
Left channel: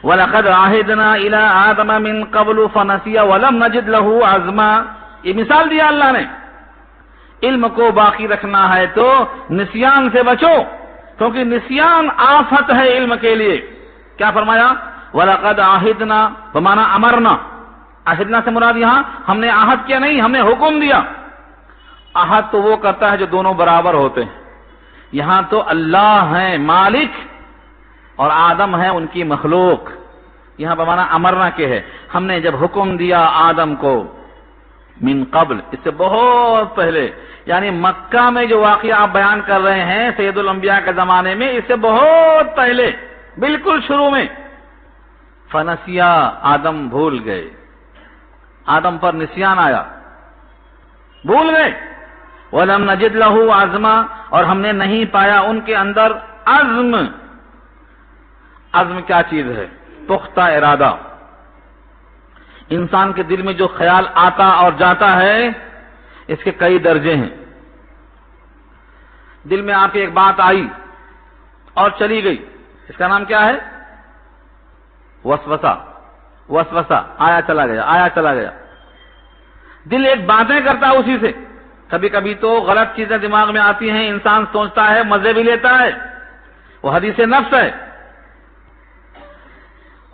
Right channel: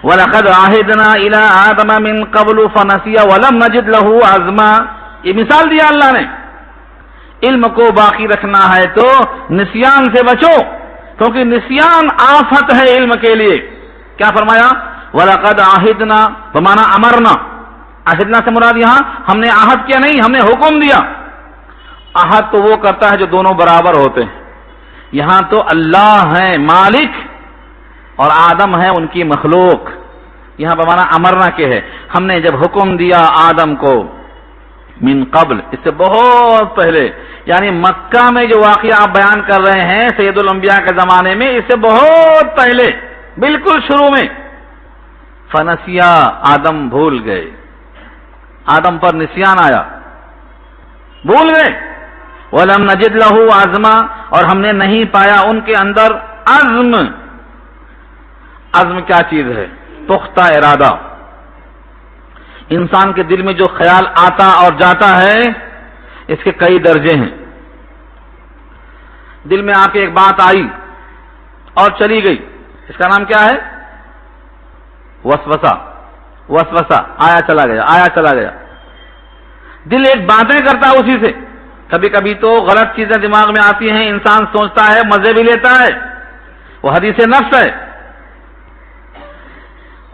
وَلَقَدْ عَهِدْنَا إِلَىٰ آدَمَ مِن قَبْلُ فَنَسِيَ وَلَمْ نَجِدْ لَهُ عَزْمًا. یہ مثال دیا اللہ نے. علم کو باقی رکھنا ہے تو نسیان سے بچو، کیونکہ نسیان آفت ہے علم کے لیے. کیا فرمایا؟ وَلَقَدْ عَهِدْنَا بمعنی امرنا. عہدنا سے مراد یہاں ہم نے عہد کیا نہیں، ہم نے حکم دیا. عہد تو وہ کرتا ہے جو دونوں برابر ہوتے ہیں. یہاں تو اللہ ہیں مالک اور آدم ہے ان کی مخلوق. یہاں بمعنی امرنا کے ہے، ہم نے جب حکم دیا آدم کو من قبل، اس سے بہت پہلے، یعنی مکہ میں جو واقعہ آپ بیان کر رہے ہیں سید الانبیاء کے زمانے میں، اس سے بہت پہلے بالکل شروع میں. فنسیا، آدم بھول گئے، آدم پر نسیان آیا، بھول گئے. وَلَمْ نَجِدْ لَهُ عَزْمًا، اور ہم نے نہیں پایا ان کے اندر عزم. عزم کیا چیز ہے؟ پختہ ارادہ. انسان کے دل میں جو خیال آتا اور جاتا ہے اس کے کئی درجے ہیں. دل میں آپ کی ایک بات آئی اور چلی گئی، اس کا نام کیا ہے؟ وسوسہ. وسوسہ، آیا چلا گیا، آیا چلا گیا. دل ایک باتیں کرتا ہے اسی سے. کبھی کبھی تو غلط چیزیں دماغ میں آتی ہیں، انسان سوچتا ہے، مزے بھی لیتا ہے، وہ حدیث نفس ہے.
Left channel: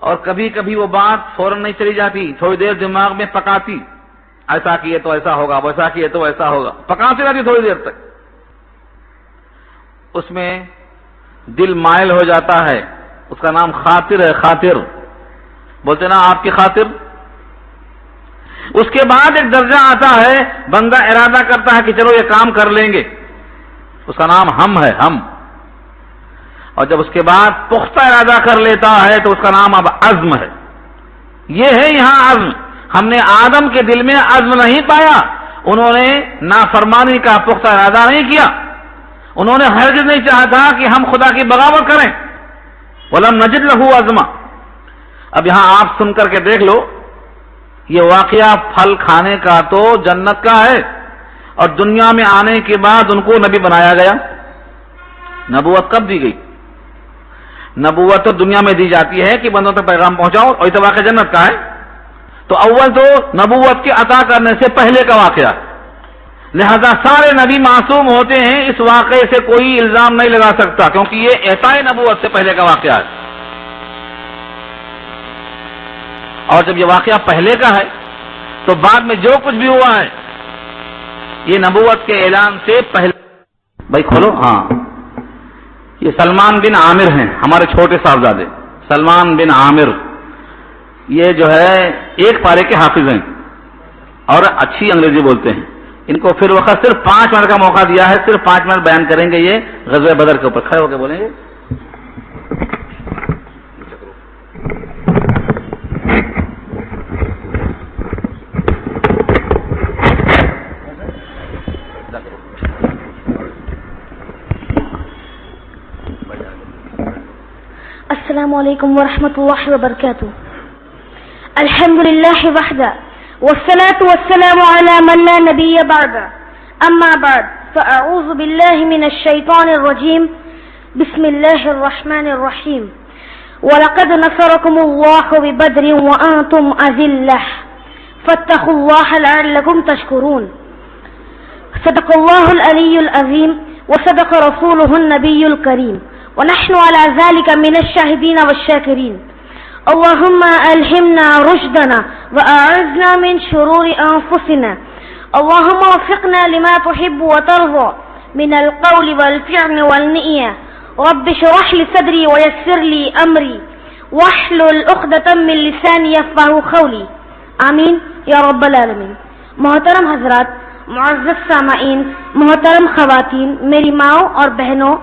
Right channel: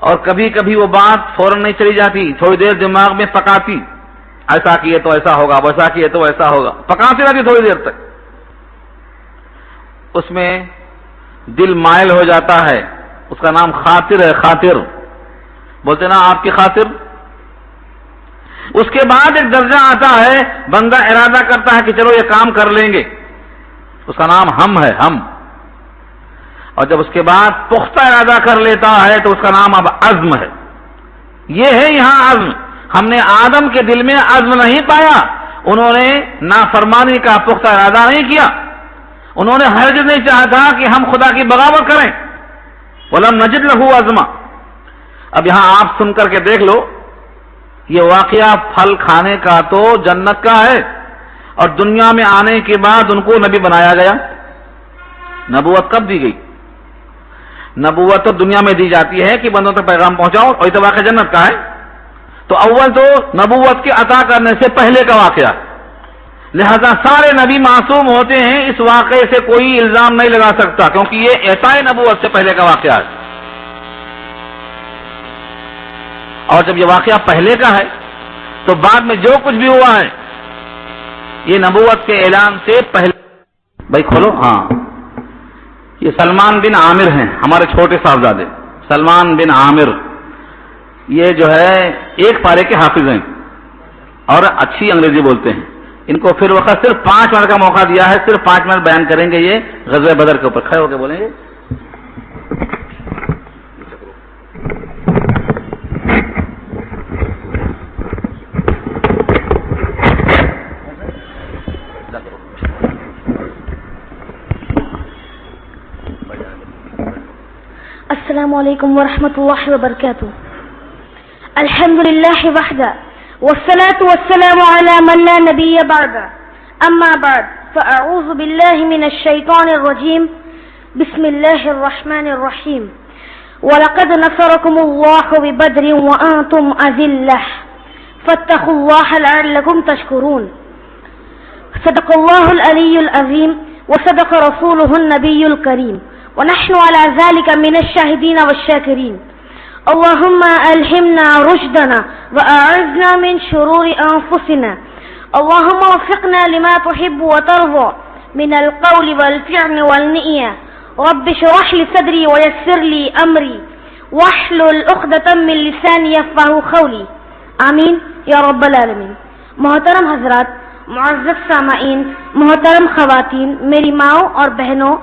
اور کبھی کبھی وہ بات فوراً نہیں چلی جاتی، تھوڑی دیر دماغ میں پکاتی، ایسا کیے تو ایسا ہوگا، ویسا کیے تو ایسا ہوگا، پکاتی رہتی تھوڑی دیر تک. اس میں دل مائل ہو جاتا ہے، اس کا نام خاطر ہے. خاطر بولتے نا آپ کی خاطر. اس کے بعد ایک درجہ آتا ہے، بندہ ارادہ کرتا ہے کہ چلو یہ کام کر لیں گے، اس کا نام ہم ہے، ہم. اور جب اس کے بعد پختہ ارادہ کر لیتا ہے تو اس کا نام اب عزم ہے. یہ ہے یہاں عزم. ہم نے آدم کے دل میں عزم نہیں پایا، انہوں نے نافرمانی کا پختہ ارادہ نہیں کیا، انہوں نے ہرگز نہیں چاہا تھا کہ ہم خدا کی بغاوت کریں. وَلَمْ نَجِدْ لَهُ عَزْمًا. اب یہاں آپ سن کر کے دیکھ لو، یہ واقعہ پھل کھانے کا تو جنت کا ہے، اور دنیا میں آنے کے بعد ان کو نبی بنایا گیا. نبوت کب دی گئی؟ نبوت تو دنیا میں دی جاتی ہے کہ بندوں تک پیغام پہنچاؤ، اور یہ واقعہ جنت کا ہے. تو اول تو نبوت کے عطا کرنے سے پہلے کا واقعہ، لہذا سارے نبی معصوم ہوتے ہیں، اس واقعے سے کوئی الزام نہیں لگا سکتا، کیونکہ یہ عطا نبوت سے پہلے کا واقعہ ہے. اور جب یہ واقعہ پہلے کا ہے تو بعد میں جو کچھ بھی ہوا ہے یہ نبوت کے اعلان سے پہلے. بھائی کھولو. ہاں، یہ سلمان بن عامر ہیں، ہمارے چھوٹے صاحبزادے سلمان بن عامر. یہ جو ہے ایک پارے کے حافظ ہیں اور اچھی انگریزی بولتے ہیں. ان کو پھر وقت صرف 5 منٹ کا موقع دیا ہے، صرف 5 منٹ بیان کریں گے. یہ غزوہ بدر کے اوپر کھڑے ہو کے بولیں گے. السلام علیکم ورحمۃ اللہ وبرکاتہ. الحمد للہ وحدہ والصلاة والسلام على من لا نبی بعد. اما بعد فاعوذ باللہ من الشیطان الرجیم. بسم اللہ الرحمن الرحیم. وَلَقَدْ نَصَرَكُمُ اللَّهُ بِبَدْرٍ وَأَنْتُمْ أَذِلَّةٌ فَاتَّقُوا اللَّهَ لَعَلَّكُمْ تَشْكُرُونَ. صدق الله العلي العظيم وصدق رسوله النبي الكريم ونحن على ذلك من الشاهدين والشاكرين. اللهم ألهمنا رشدنا وأعذنا من شرور أنفسنا. اللهم وفقنا لما تحب وترضى من القول والفعل والنية. رب اشرح لي صدري ويسر لي أمري واحلل عقدة من لساني يفقهوا قولي. آمین یا رب العالمین. محترم حضرات، معزز سامعین، محترم خواتین، میری ماؤں اور بہنوں،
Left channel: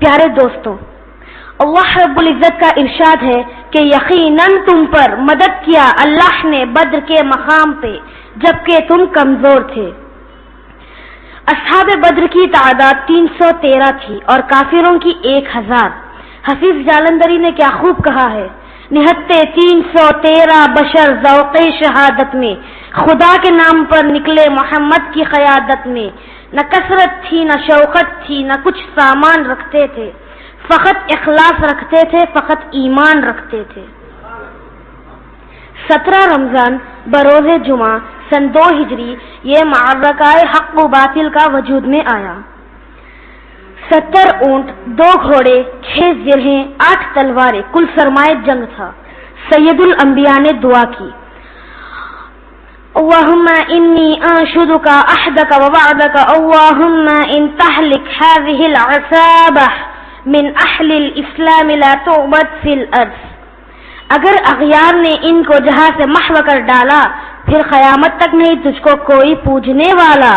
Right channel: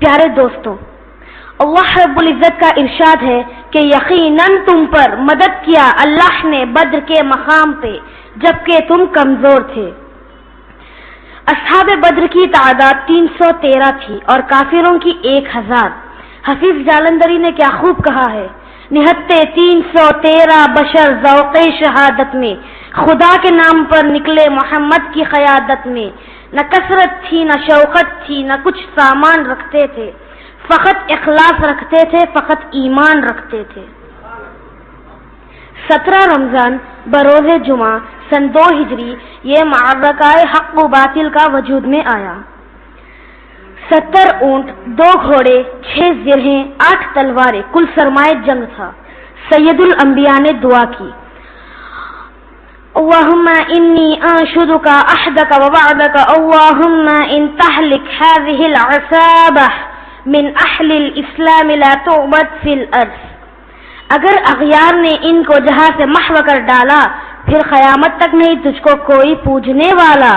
پیارے دوستوں، اللہ رب العزت کا ارشاد ہے کہ یقیناً تم پر مدد کیا اللہ نے بدر کے مقام پہ جبکہ تم کمزور تھے. اصحاب بدر کی تعداد 313 تھی اور کافروں کی 1000. حفیظ جالندری نے کیا خوب کہا ہے، نہتے 313 بشر ذوق شہادت میں خدا کے نام پر نکلے محمد کی قیادت میں. نہ کثرت تھی نہ شوقت تھی نہ کچھ سامان رکھتے تھے، فقط اخلاص رکھتے تھے، فقط ایمان رکھتے تھے. 17 رمضان بروز جمعہ سن 2 ہجری یہ معرکہ حق و باطل کا وجود میں آیا. 70 اونٹ، 2 گھوڑے، 6 زرہیں، 8 تلواریں، کل سرمایہ جنگ تھا. سید الانبیاء نے دعا کی، اللہم انی انشدک عہدک ووعدک اللہم ان تہلک هذه العصابہ من اہل الاسلام لا تعبد فی الارض. اگر اغیار نے ان کو جہاں سے محو کر ڈالا پھر قیامت تک نہیں تجھ کو کوئی پوجنے والا.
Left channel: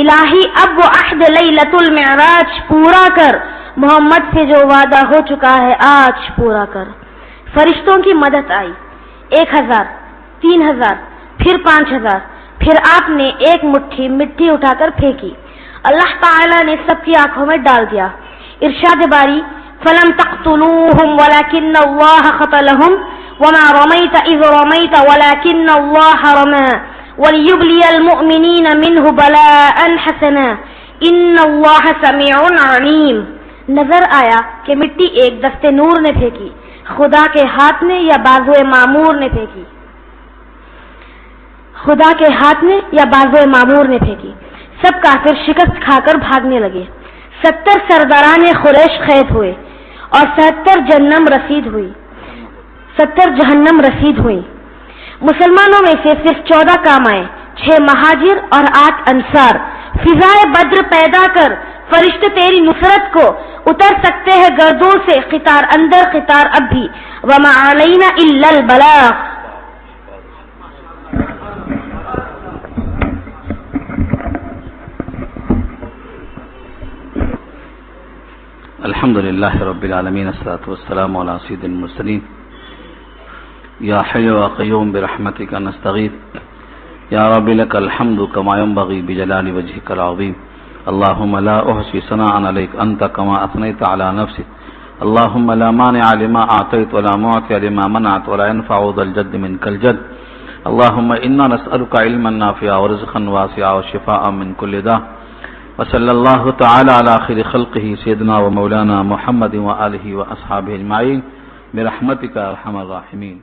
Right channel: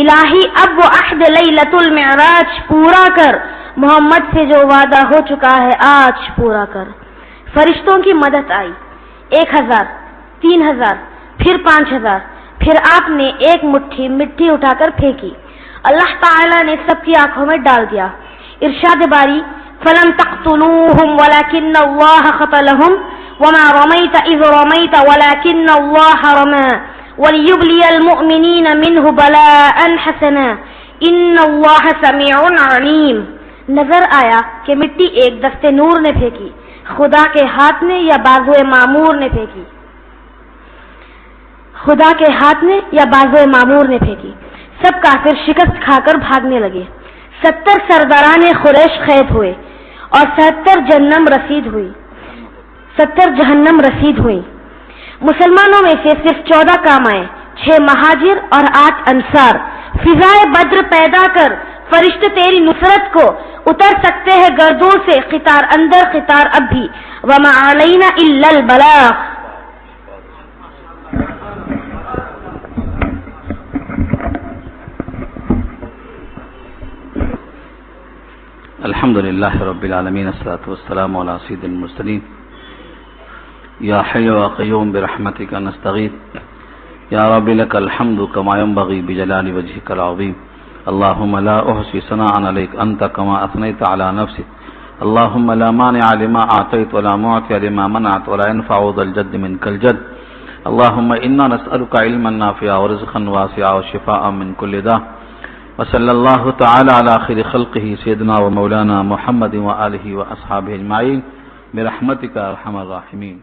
الہی اب وہ عہد لیلۃ المعراج پورا کر، محمد سے جو وعدہ ہو چکا ہے آج پورا کر. فرشتوں کی مدد آئی. 1000، 3000، پھر 5000. پھر آپ نے ایک مٹھی مٹی اٹھا کر پھینکی. اللہ تعالی نے سب کی آنکھوں میں ڈال دیا. ارشاد باری، فلم تقتلوهم ولكن الله قتلهم وما رميت إذ رميت ولكن الله رمى وليبلي المؤمنين منه بلاء حسنا إن الله سميع عليم. نظر آیا کہ مٹی ایک دستے نور نے پھینکی، خدا کے ہاتھ نے یا بازوئے معمور نے پھینکی، خدا کے ہاتھ نے یا بازوئے معمور نے پھینکی. سب کافر شکست کھا کر بھاگنے لگے. 70 سرداران قریش قید ہوئے اور 70 جہنم رسید ہوئی. مسلمانوں میں سے صرف 14 کام آئے، 6 مہاجر اور 8 انصار. فضائے بدر پیدا کر فرشتے تیری نصرت کو اتر سکتے ہیں گردوں سے، قطار اندر قطار اب بھی. وما علینا الا البلاغ. الحمد للہ رب العالمین والصلاة والسلام علی سید المرسلین. یا حی و قیوم برحمتک نستغیث. یا رب لک الحمد کما ینبغی بجلال وجهک العظیم. اللهم لا احصی ثناء علیک انت کما اثنیت علی نفسک. اللهم لا مانع لما اعطیت ولا معطی لما منعت ولا ينفع ذا الجد منک الجد. اللهم انا نسألک علما نافعا ورزقا واسعا وشفاء من كل داء. وصلی اللہ تعالی علی خیر خلقہ سیدنا و مولانا محمد و آلہ و اصحابہ اجمعین برحمتک ارحم الراحمین.